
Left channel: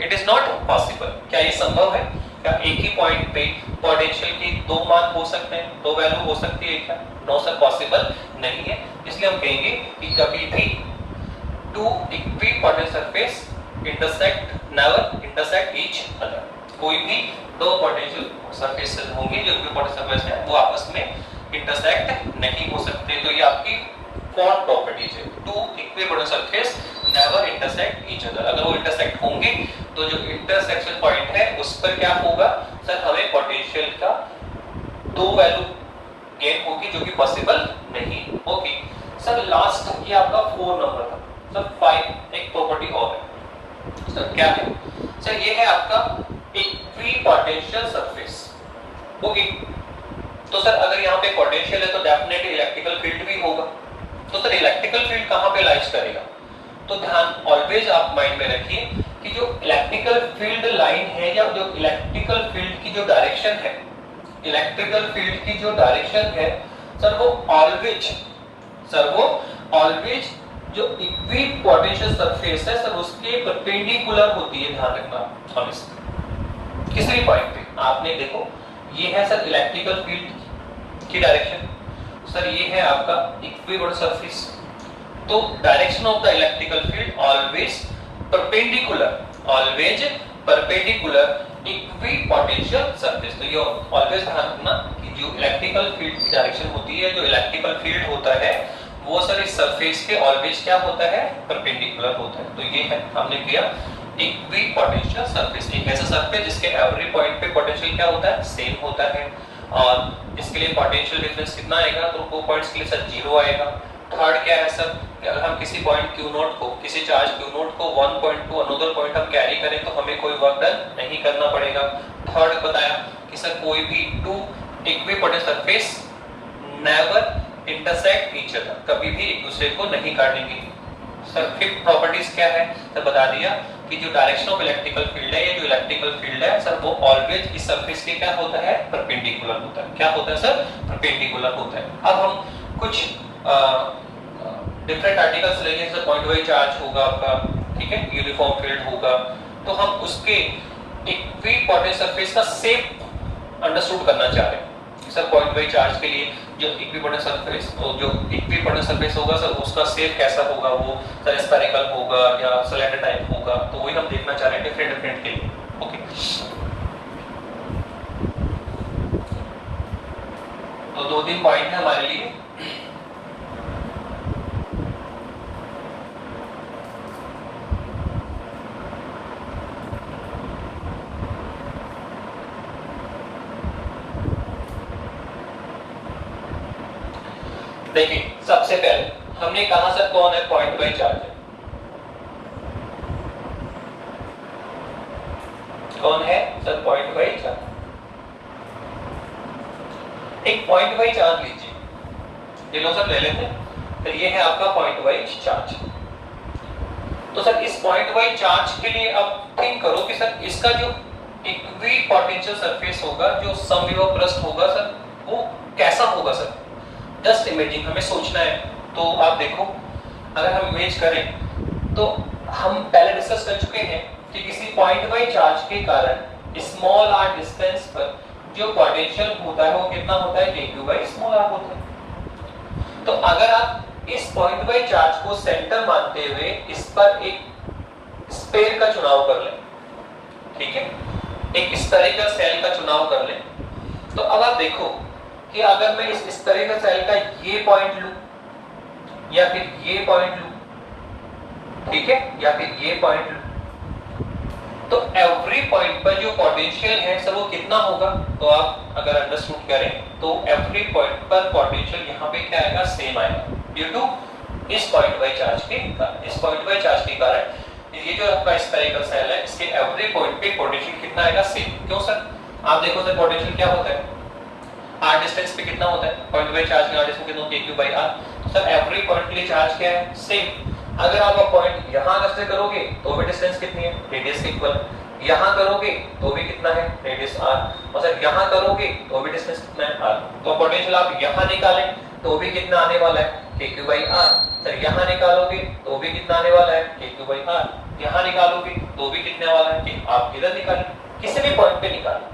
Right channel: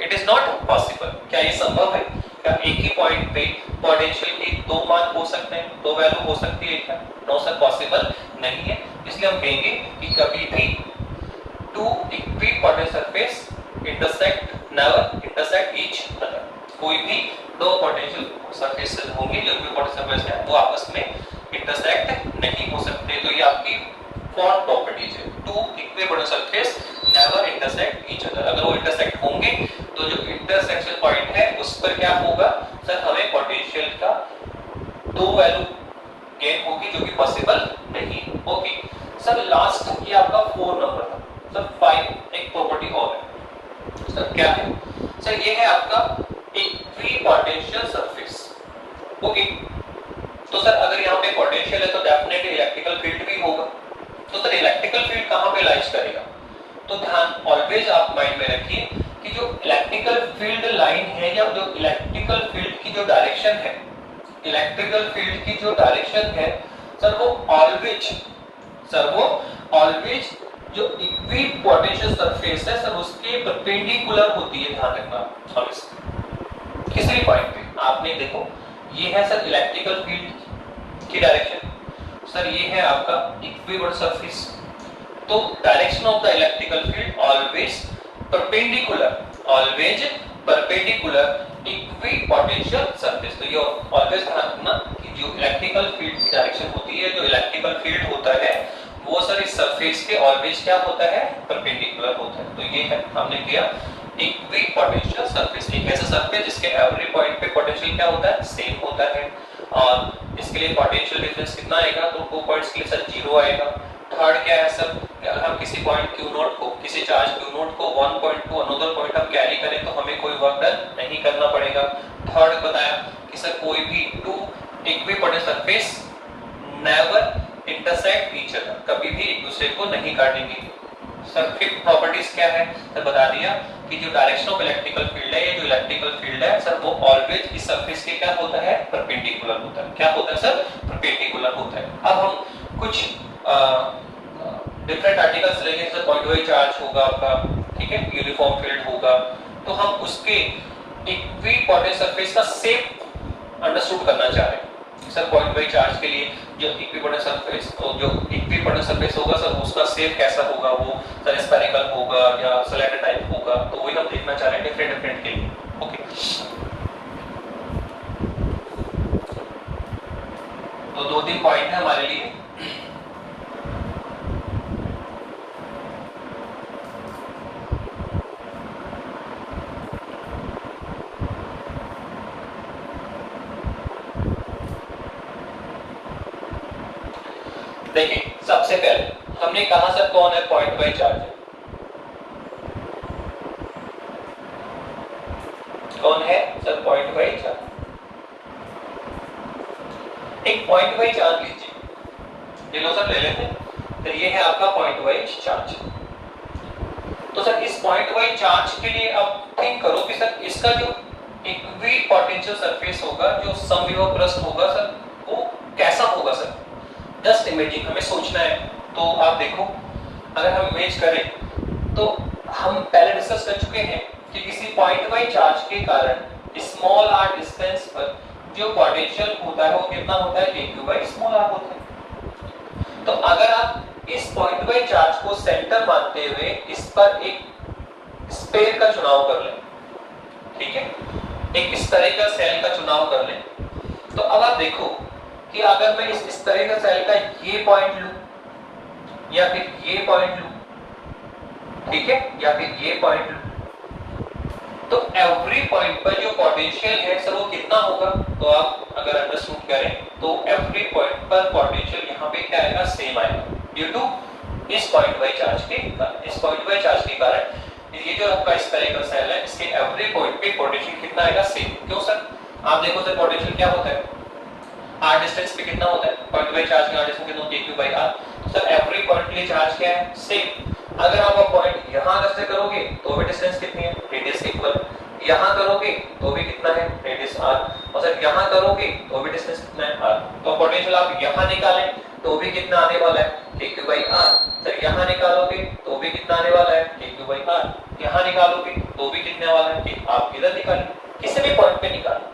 इट इज नॉट पॉसिबल। क्या ये संभव है? क्या एक ही पॉइंट पे पोटेंशियल के दो मान हो सकते हैं, दो वैल्यू हो सकती है क्या? नो सर, पॉसिबल नहीं है। इसलिए हम कहेंगे कि कभी भी two equipotent surface never intersect each other. कोई भी दो पोटेंशियल सरफेसेस होंगे जो इक्विपोटेंट सरफेस है वो आपस में इंटरसेक्ट नहीं हो सकते। तो ये आपकी फॉर्म प्रॉपर्टीज है, two equipotent surface never intersect each other. अगर वो इंटरसेक्ट होंगे तो जो इंटरसेक्शन पॉइंट है उस पर क्या होगा सर, हमें पोटेंशियल का दो वैल्यू गेन होगी जो कि पॉसिबल नहीं होगी। सर लास्ट ये आपका 4 नंबर था सर, 5 एक प्रॉपर्टी और है सर, क्या है सर? ये है आपका इक्विपोटेंशियल सरफेस। ओके, तो सर अगर यहाँ पे पोटेंशियल है तो डेफिनेटली इलेक्ट्रिकल फील्ड भी होगा। तो सर इलेक्ट्रिकल फील्ड कहाँ पे लाइज करेगा? तो ध्यान ऑलवेज आप माइंड में रखिए कि जो इलेक्ट्रिकल फील्ड लाइन है या जो इलेक्ट्रिकल फील्ड की जो डायरेक्शन है, इलेक्ट्रिकल फील्ड की जो डायरेक्शन है सर वो ऑलवेज जो इक्विपोटेंशियल सरफेस है सर उसके परपेंडिकुलर होती है। ध्यान रखना हमेशा किसी भी पॉइंट पे आपने देखो ये है सर इलेक्ट्रिकल फील्ड की डायरेक्शन, सर ये है आपका इक्विपोटेंशियल सरफेस। तो direction of the electrical field always perpendicular equipotential surface. तो ये ऑलवेज ध्यान रखना कि जो इलेक्ट्रिकल फील्ड की डायरेक्शन होती है, जो इलेक्ट्रिकल फील्ड होता है वो सर इस सरफेस के ऑलवेज क्या होता है? परपेंडिकुलर होता है। तो ये है हमने किया इक्विपोटेंशियल सरफेस, एक ऐसा सरफेस जिसके एवरी पॉइंट पे पोटेंशियल क्या होता है? सेम होता है। और इसके लिए पोटेंशियल डिफरेंस कितना आएगा? तो 2 पॉइंट्स के लिए सर 0 आएगा। थर्ड क्या है सर, अगर हम किसी पॉइंट Q0 को, किसी चार्ज Q0 को 1 पॉइंट टू अनदर पॉइंट हम कैरी करें तो हमें कोई वर्क डन नहीं करना पड़ेगा। थर्ड बताया कि सर कोई भी two equipotent surface never intersect each other, कभी भी एक दूसरे को नहीं काटेंगे। सर फिफ्थ प्रॉपर्टीज क्या है सर, बता दिया कि जो डायरेक्शन ऑफ इलेक्ट्रिकल फील्ड है, ये जो इलेक्ट्रिकल फील्ड है सर वो ऑलवेज इस सरफेस के क्या होता है? परपेंडिकुलर होता है। क्या होता है सर? परपेंडिकुलर होता है। अब हम कुछ डिफरेंट आर्टिकल्स लेंगे, जैसे पॉइंट वाइज चार्ज होगा आपका, ठीक है, यूनिफॉर्म फील्ड होगा, तो हम उसके इक्विपोटेंट सरफेस का शेप अंडरस्टूड करना चाह रहे हैं। सर पॉइंट वाइज चार्ज के लिए जो इक्विपोटेंट सरफेस होगा सर उसका शेप कैसा होगा? वो सर स्फेरिकल होगा या सिलेंडर टाइप होगा, तो वही हम देखना चाह रहे हैं डिफरेंट के लिए। ओके, तो 2-3 पॉइंट है हमारे लिए। देखिए सबसे पहले हमने कहा सर कौन है पॉइंट वाइज चार्ज? कौन है सर पॉइंट वाइज चार्ज? एक पॉइंट वाइज चार्ज लीजिए, ये लो सर ले लेते हैं। तो ये है आपका पॉइंट वाइज चार्ज। तो सर इस पॉइंट वाइज चार्ज के लिए अब थिंक करो कि सर इसका जो इक्विपोटेंशियल सरफेस होगा, जो समविभव पृष्ठ होगा सर, वो कैसा होगा सर? जस्ट इमेजिन, हमें सोचना है। तो आप देखो अगर हम इमेज करें तो हम पहले डिस्कस कर चुके हैं कि किसी पॉइंट वाइज चार्ज के कारण स्मॉल r डिस्टेंस पर जो पोटेंशियल होता है वो कितना होता है? q/r होता है। तो अगर आप इस पॉइंट वाइज चार्ज को सेंटर मानते हुए इस पर एक स्फीयर का चुनाव कर लें, ठीक है, एक स्फेरिकल सेल का चुनाव कर लें, तो अब आप देखो कि अगर मैं इस स्फेरिकल सेल का ये पॉइंट लूं या फिर ये पॉइंट लूं, ठीक है, या फिर ये पॉइंट लूं, तो एवरी पॉइंट पर जो पोटेंशियल है सर वो कितना होगा? तो आप अगर अंडरस्टूड करें तो एवरी पॉइंट पर पोटेंशियल यहाँ पे क्या आएगा? सेम आएगा, ड्यू टू इस पॉइंट वाइज चार्ज के कारण। इस पॉइंट वाइज चार्ज के कारण ये जो आपका स्फेरिकल सेल है इसके एवरी पॉइंट पे पोटेंशियल कितना आएगा? सेम। क्यों सर? आप देखो सर पोटेंशियल क्या होता है? r डिस्टेंस पे कितना होता है? पॉइंट वाइज चार्ज का r डिस्टेंस कितना होता है? q/r। सर एवरी पॉइंट के लिए चार्ज क्या है? सेम। अगर आप पॉइंट यहां से करोगे तो भी डिस्टेंस कितनी है, रेडियस इक्वल। यहाँ करोगे तो भी कितना है, रेडियस r, और सर यहाँ करोगे तो भी डिस्टेंस कितना है, r। तो पोटेंशियल आप यहाँ निकालें तो भी कितना आने वाला है, kq/r। सर यहाँ निकालोगे तो भी कितना आने वाला है, kq/r। यहाँ निकालोगे तो भी कितने वाला है, कि आप इधर निकालें, किसी भी पॉइंट पे निकालें,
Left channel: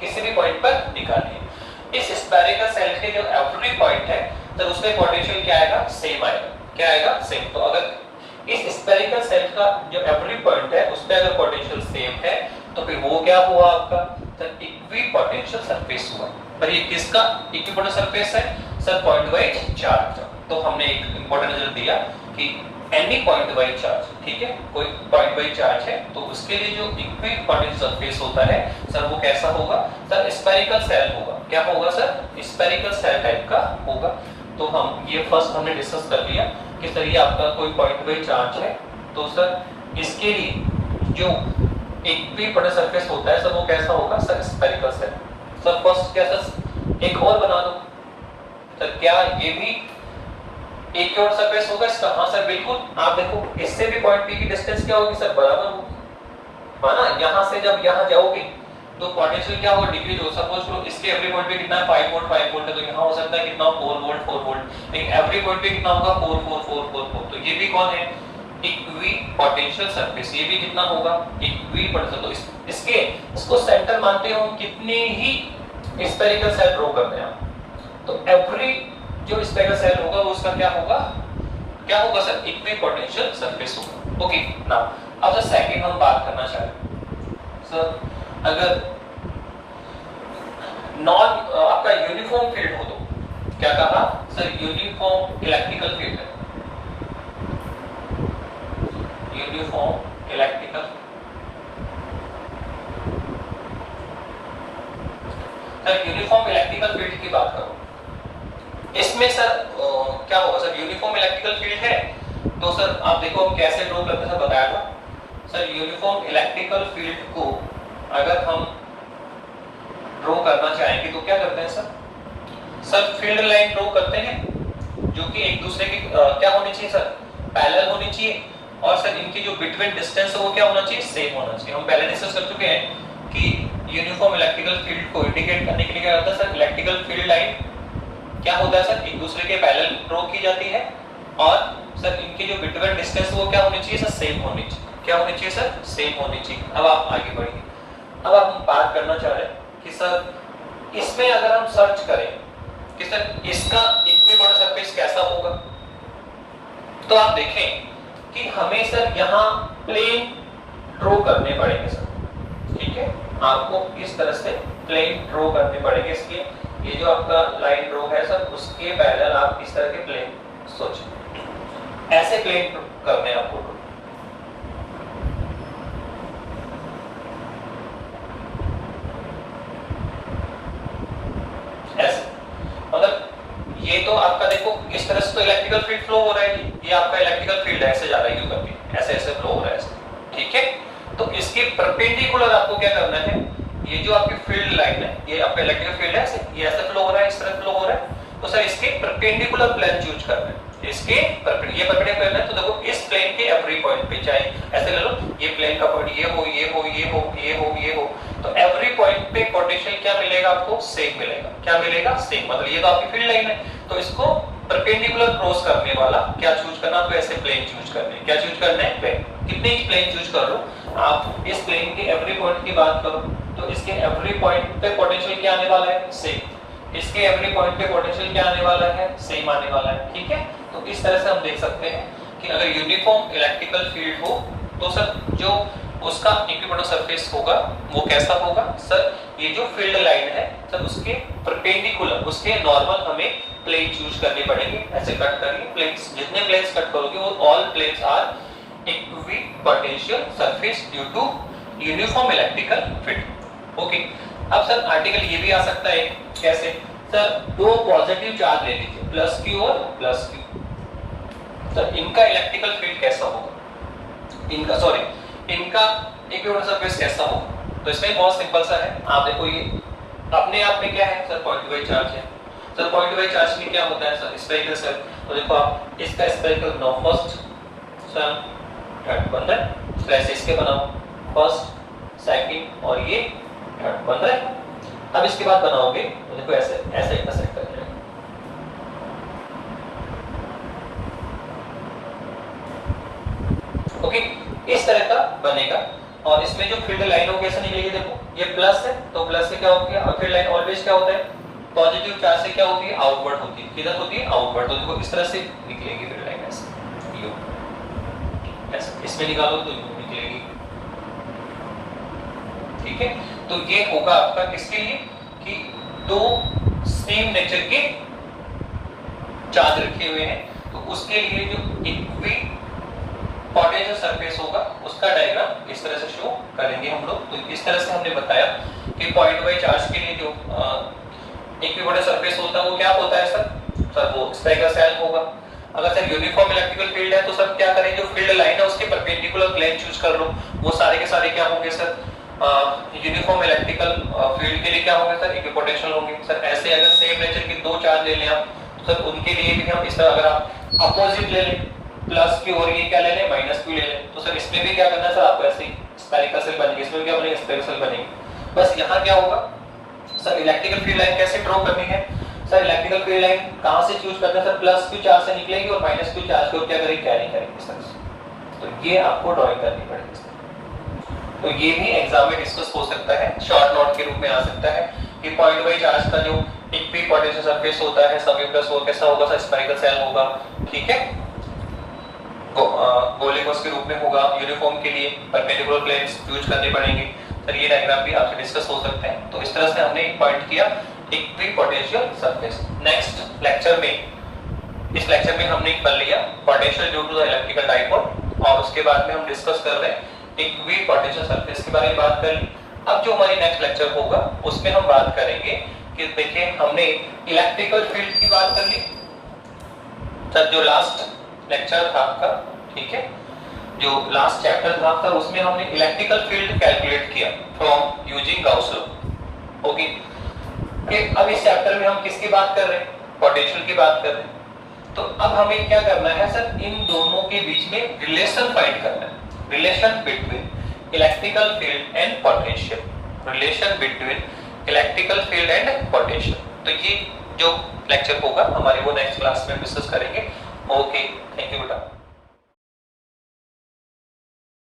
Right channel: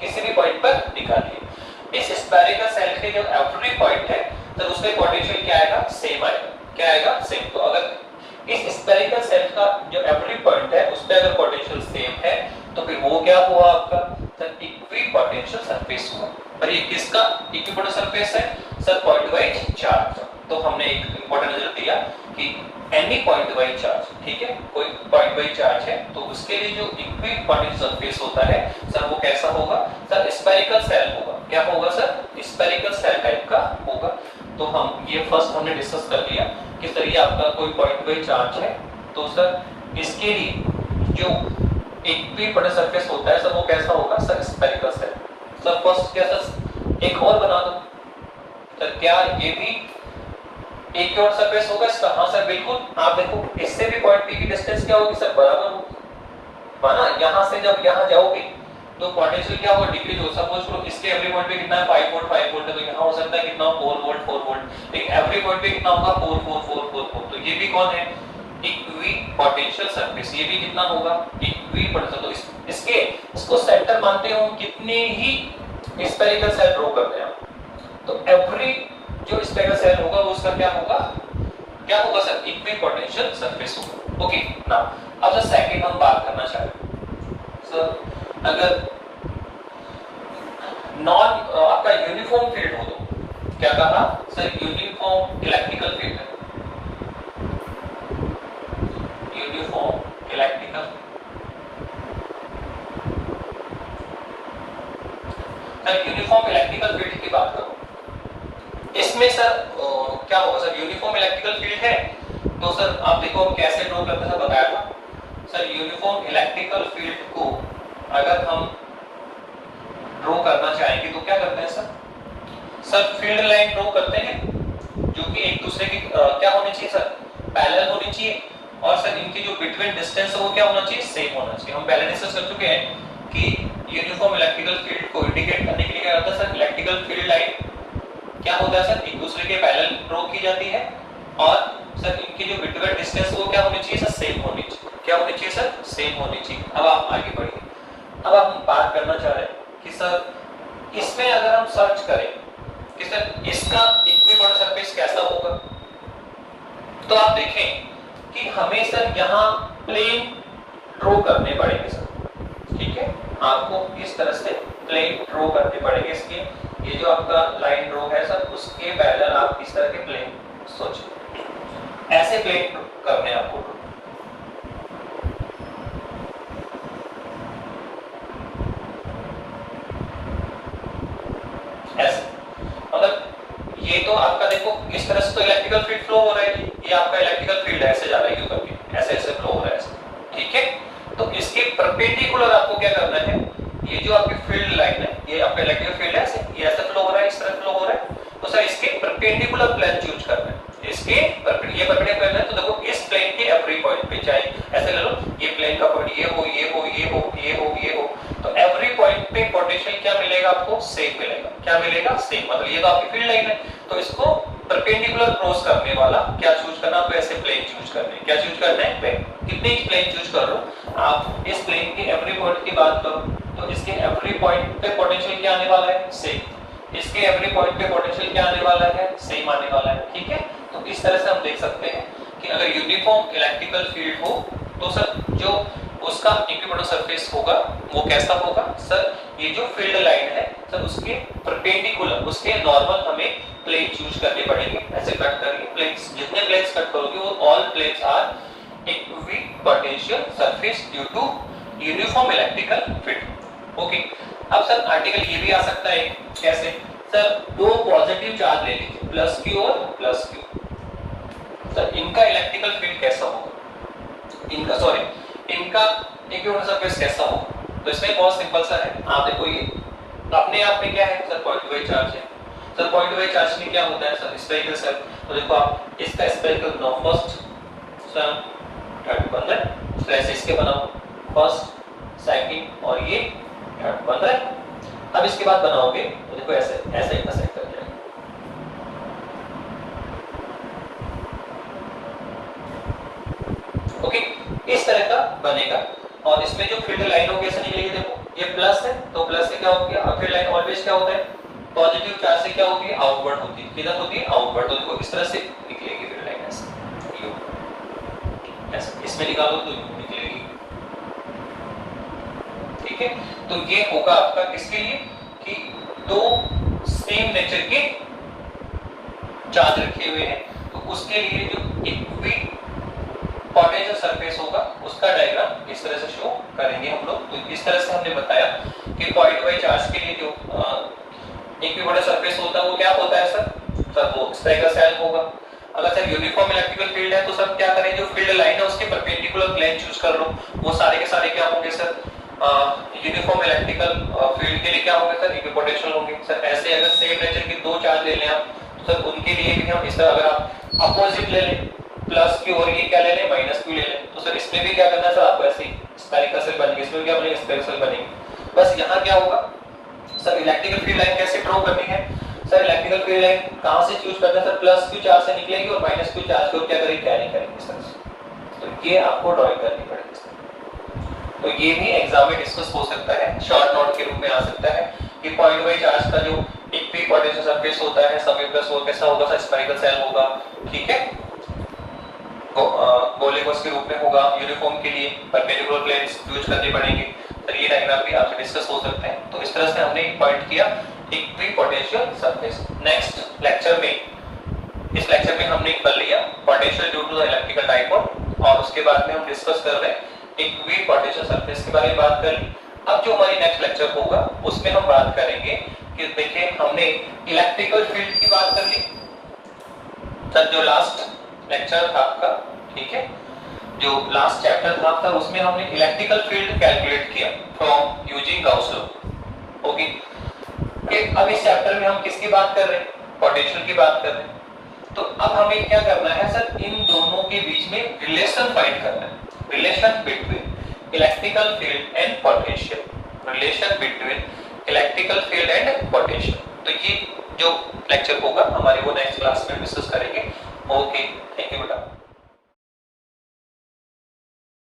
किसी भी पॉइंट पर निकालिए। इस स्फेरिकल सेल के जो एवरी पॉइंट है तो उसमें पोटेंशियल क्या आएगा, सेम आएगा। क्या आएगा, सेम। तो अगर इस स्फेरिकल सेल का जो एवरी पॉइंट है उस पे अगर पोटेंशियल सेम है तो फिर वो क्या हुआ आपका, सर इक्विपोटेंशियल सरफेस हुआ। पर ये किसका इक्विपोटेंशियल सरफेस है, सर पॉइंट वाइज चार्ज। तो हमने एक इंपॉर्टेंट रिजल्ट दिया कि एनी पॉइंट वाइज चार्ज, ठीक है, कोई पॉइंट वाइज चार्ज है तो उसके लिए जो इक्विपोटेंशियल सरफेस होता है सर वो कैसा होगा, सर स्फेरिकल सेल होगा। क्या होगा सर, स्फेरिकल सेल टाइप का होगा। तो हम ये फर्स्ट हमने डिस्कस कर लिया कि सर ये आपका कोई पॉइंट वाइज चार्ज है तो सर इसके लिए जो इक्विपोटेंशियल सरफेस होता है सर वो कैसा होगा, sir spherical shell. Sir first क्या सर एक और बना दो, सर क्या ये भी एक और सरफेस होगा इसका, हाँ सर बिल्कुल। आप देखो इससे भी पॉइंट पी की डिस्टेंस क्या होगी, सर बराबर होगी, माना यहाँ से जब यहाँ जाओगे तो पोटेंशियल क्या होगा, डिक्रीज हो। सपोज करो इसके एवरी पॉइंट पे कितना है, 5 वोल्ट 5 वोल्ट है, तो यहाँ हो सकता है कितना, 4 वोल्ट 4 वोल्ट, लेकिन एवरी पॉइंट पे कितना होगा, 4 4 4 4 4। तो ये भी कौन है, इक्विपोटेंशियल सरफेस। ये भी कितना होगा, इक्विपोटेंशियल। तो इसके इसको सेंटर मानते हो, कितने ही स्फेरिकल सेल ड्रॉ करते हैं आप, तो एवरी जो स्फेरिकल सेल होगा वो उसका क्या होगा, क्या होगा सर, इक्विपोटेंशियल सरफेस होगा। ओके नाउ अब सर सेकंड हम बात करना चाहते हैं। सर अगर नॉन आपका यूनिफॉर्म फील्ड हो तो क्या कहा, सर यूनिफॉर्म इलेक्ट्रिकल फील्ड है, uniform electrical. Sir uniform electrical field की बात करो, इसमें सर क्या होगा, सर यूनिफॉर्म इलेक्ट्रिकल फील्ड है तो सर आप देखो हम कैसे ड्रॉ करते हैं बताया था। सर यूनिफॉर्म इलेक्ट्रिकल फील्ड को अगर हम ड्रॉ करना चाहेंगे तो क्या करते हैं sir, sir field line draw करते हैं जो कि एक दूसरे की क्या होनी चाहिए सर, पैरेलल होनी चाहिए, और सर इनकी जो बिटवीन डिस्टेंस है वो क्या होना चाहिए, सेम होना चाहिए। हम पहले डिस्कस कर चुके हैं कि यूनिफॉर्म इलेक्ट्रिकल फील्ड को इंडिकेट करने के लिए क्या होता है सर, इलेक्ट्रिकल फील्ड लाइन क्या होता है सर, एक दूसरे के पैरेलल ड्रॉ की जाती है, और सर इनकी जो बिटवीन डिस्टेंस वो क्या होनी चाहिए सर, सेम होनी चाहिए। क्या होनी चाहिए सर, सेम होनी चाहिए। अब आप आगे बढ़िए, अब हम बात करना चाह रहे हैं कि सर इसमें अगर हम सर्च करें कि सर इसका इक्विपोटेंशियल सरफेस कैसा होगा, तो आप देखें कि हमें सर यहाँ प्लेन ड्रॉ करने पड़ेंगे सर, ठीक है, आपको इस तरह से प्लेन ड्रॉ करने पड़ेंगे। इसके ये जो आपका लाइन ड्रॉ है सर उसके पैरेलल आप इस तरह के प्लेन सोचें, ऐसे प्लेन करने आपको, ऐसे मतलब ये तो आपका देखो इस तरह से तो इलेक्ट्रिकल फील्ड फ्लो हो रहा है, ये आपका इलेक्ट्रिकल फील्ड ऐसे जा रहा है, यू करके ऐसे ऐसे फ्लो हो रहा है ऐसे, ठीक है। तो इसके परपेंडिकुलर आपको क्या करना है, ये जो आपकी फील्ड लाइन है ये आपका इलेक्ट्रिकल फील्ड है, ऐसे ये ऐसे फ्लो हो रहा है, इस तरह फ्लो हो रहा है, तो सर इसके परपेंडिकुलर प्लेन चूज करना है। इसके ये परपेंडिकुलर है तो देखो इस प्लेन के एवरी पॉइंट पे, चाहे ऐसे ले लो, ये प्लेन का पॉइंट ये हो ये हो ये हो ये हो ये हो, तो एवरी पॉइंट पे पोटेंशियल क्या मिलेगा आपको, सेम मिलेगा। क्या मिलेगा, सेम। मतलब ये तो आपकी फील्ड लाइन है तो इसको परपेंडिकुलर क्रॉस करने वाला क्या चूज करना, तो ऐसे प्लेन चूज करने, क्या चूज करना है, प्लेन। कितने ही प्लेन चूज कर लो आप, इस प्लेन के एवरी पॉइंट की बात करो तो इसके एवरी पॉइंट पे पोटेंशियल क्या आने वाला है, सेम। इसके एवरी पॉइंट पे पोटेंशियल क्या आने वाला है, सेम आने वाला है, ठीक है। तो इस तरह से हम देख सकते हैं कि अगर यूनिफॉर्म इलेक्ट्रिकल फील्ड हो तो सर जो उसका इक्विपोटेंशियल सरफेस होगा वो कैसा होगा सर, ये जो फील्ड लाइन है सर उसके परपेंडिकुलर, उसके नॉर्मल हमें प्लेन चूज करने पड़ेंगे। ऐसे कट करेंगे प्लेन्स, जितने प्लेन्स कट करोगे वो all planes are equipotential surface due to uniform electrical field. Okay, अब सर आर्टिकल ये भी आ सकता है कैसे सर, दो पॉजिटिव चार्ज ले लीजिए प्लस क्यू और प्लस क्यू, सर इनका इलेक्ट्रिकल फील्ड कैसा होगा, इनका सॉरी इनका इक्विपोटेंशियल सरफेस कैसा होगा। तो इसमें बहुत सिंपल सा है, आप देखो ये अपने आप में क्या है सर, पॉइंट वाइज चार्ज है। सर पॉइंट वाइज चार्ज में क्या होता है सर, स्फेरिकल सर, तो देखो आप इसका spherical no first sir third बन रहा है, स्लैश इसके बनाओ फर्स्ट सेकंड और ये थर्ड बन रहा है। अब इसके बाद बनाओगे तो देखो ऐसे ऐसे इंटरसेक्ट कर जाएगा। ओके, इस तरह का बनेगा। और इसमें जो फील्ड लाइन हो कैसे निकलेगी, देखो ये प्लस है तो प्लस से क्या हो गया, फील्ड लाइन ऑलवेज क्या होता है, पॉजिटिव चार्ज से क्या होती है, आउटवर्ड होती है, किधर होती है, आउटवर्ड। तो देखो इस तरह से निकलेगी फील्ड लाइन ऐसे, ऐसे इसमें निकालो तो निकलेगी। ठीक है, तो ये होगा आपका किसके लिए कि दो सेम नेचर के चार्ज रखे हुए हैं, तो उसके लिए जो इक्वी पोटेंशियल सरफेस होगा उसका डायग्राम इस तरह से शो करेंगे हम लोग। तो इस तरह से हमने बताया कि पॉइंट वाइज चार्ज के लिए जो इक्विपोटेंशियल सरफेस होता है वो क्या होता है सर वो स्फेरिकल शेल होगा। अगर सर यूनिफॉर्म इलेक्ट्रिकल फील्ड है तो सब क्या करें, जो फील्ड लाइन है उसके परपेंडिकुलर प्लेन चूज कर लो, वो सारे के सारे क्या होंगे सर, यूनिफॉर्म इलेक्ट्रिकल फील्ड के लिए क्या होंगे सर, इक्विपोटेंशियल होंगे। सर ऐसे अगर सेम नेचर के दो चार्ज ले लें आप, सर उनके लिए भी हम इस तरह, अगर आप अपोजिट ले लें प्लस की और ये क्या ले लें माइनस की ले लें, तो सर इसमें भी क्या करना है सर, आपको ऐसे स्फेरिकल शेल बनेगी, इसमें क्या बनेगी, स्फेरिकल शेल बनेगी। बस यहाँ क्या होगा सर, इलेक्ट्रिकल फील्ड लाइन कैसे ड्रॉ करनी है सर, इलेक्ट्रिकल फील्ड लाइन कहां से चूज करना है सर, प्लस क्यू चार्ज से निकलेगी और माइनस क्यू चार्ज को क्या करेंगे, कैरी करेंगे सर। तो ये आपको ड्राइंग करनी पड़ेगी। तो ये भी एग्जाम में डिस्कस हो सकता है, शॉर्ट नोट के रूप में आ सकता है कि पॉइंट वाइज चार्ज का जो इक्वी पोटेंशियल सरफेस होता है सभी प्लस वो कैसा होगा सर, स्फेरिकल शेल होगा। ठीक है, गोलीकोस के रूप में होगा, यूनिफॉर्म के लिए परपेंडिकुलर प्लेन्स यूज करने पड़ेंगे। सर ये डायग्राम भी आपसे डिस्कस हो सकते हैं। तो इस तरह से हमने एक पॉइंट किया equipotential surface. Next lecture में, इस लेक्चर में हमने कर लिया potential due to the electrical dipole और उसके बाद में हम डिस्कस कर रहे हैं इक्वी पोटेंशियल सरफेस के बारे में बात कर ली। अब जो हमारी नेक्स्ट लेक्चर होगा उसमें हम बात करेंगे कि देखिए हमने इलेक्ट्रिकल फील्ड की बात कर ली सर, जो लास्ट लेक्चर था आपका, ठीक है, जो लास्ट चैप्टर था उसमें हमने इलेक्ट्रिकल फील्ड कैलकुलेट किया from using Gauss law. Okay, अब इस चैप्टर में हम किसकी बात कर रहे हैं, पोटेंशियल की बात कर रहे हैं। तो अब हमें क्या करना है सर, इन दोनों के बीच में रिलेशन फाइंड करना है, relation between electrical field and potential, relation between electrical field and potential. तो ये जो लेक्चर होगा हमारे वो नेक्स्ट क्लास में डिस्कस करेंगे। ओके, थैंक यू बेटा।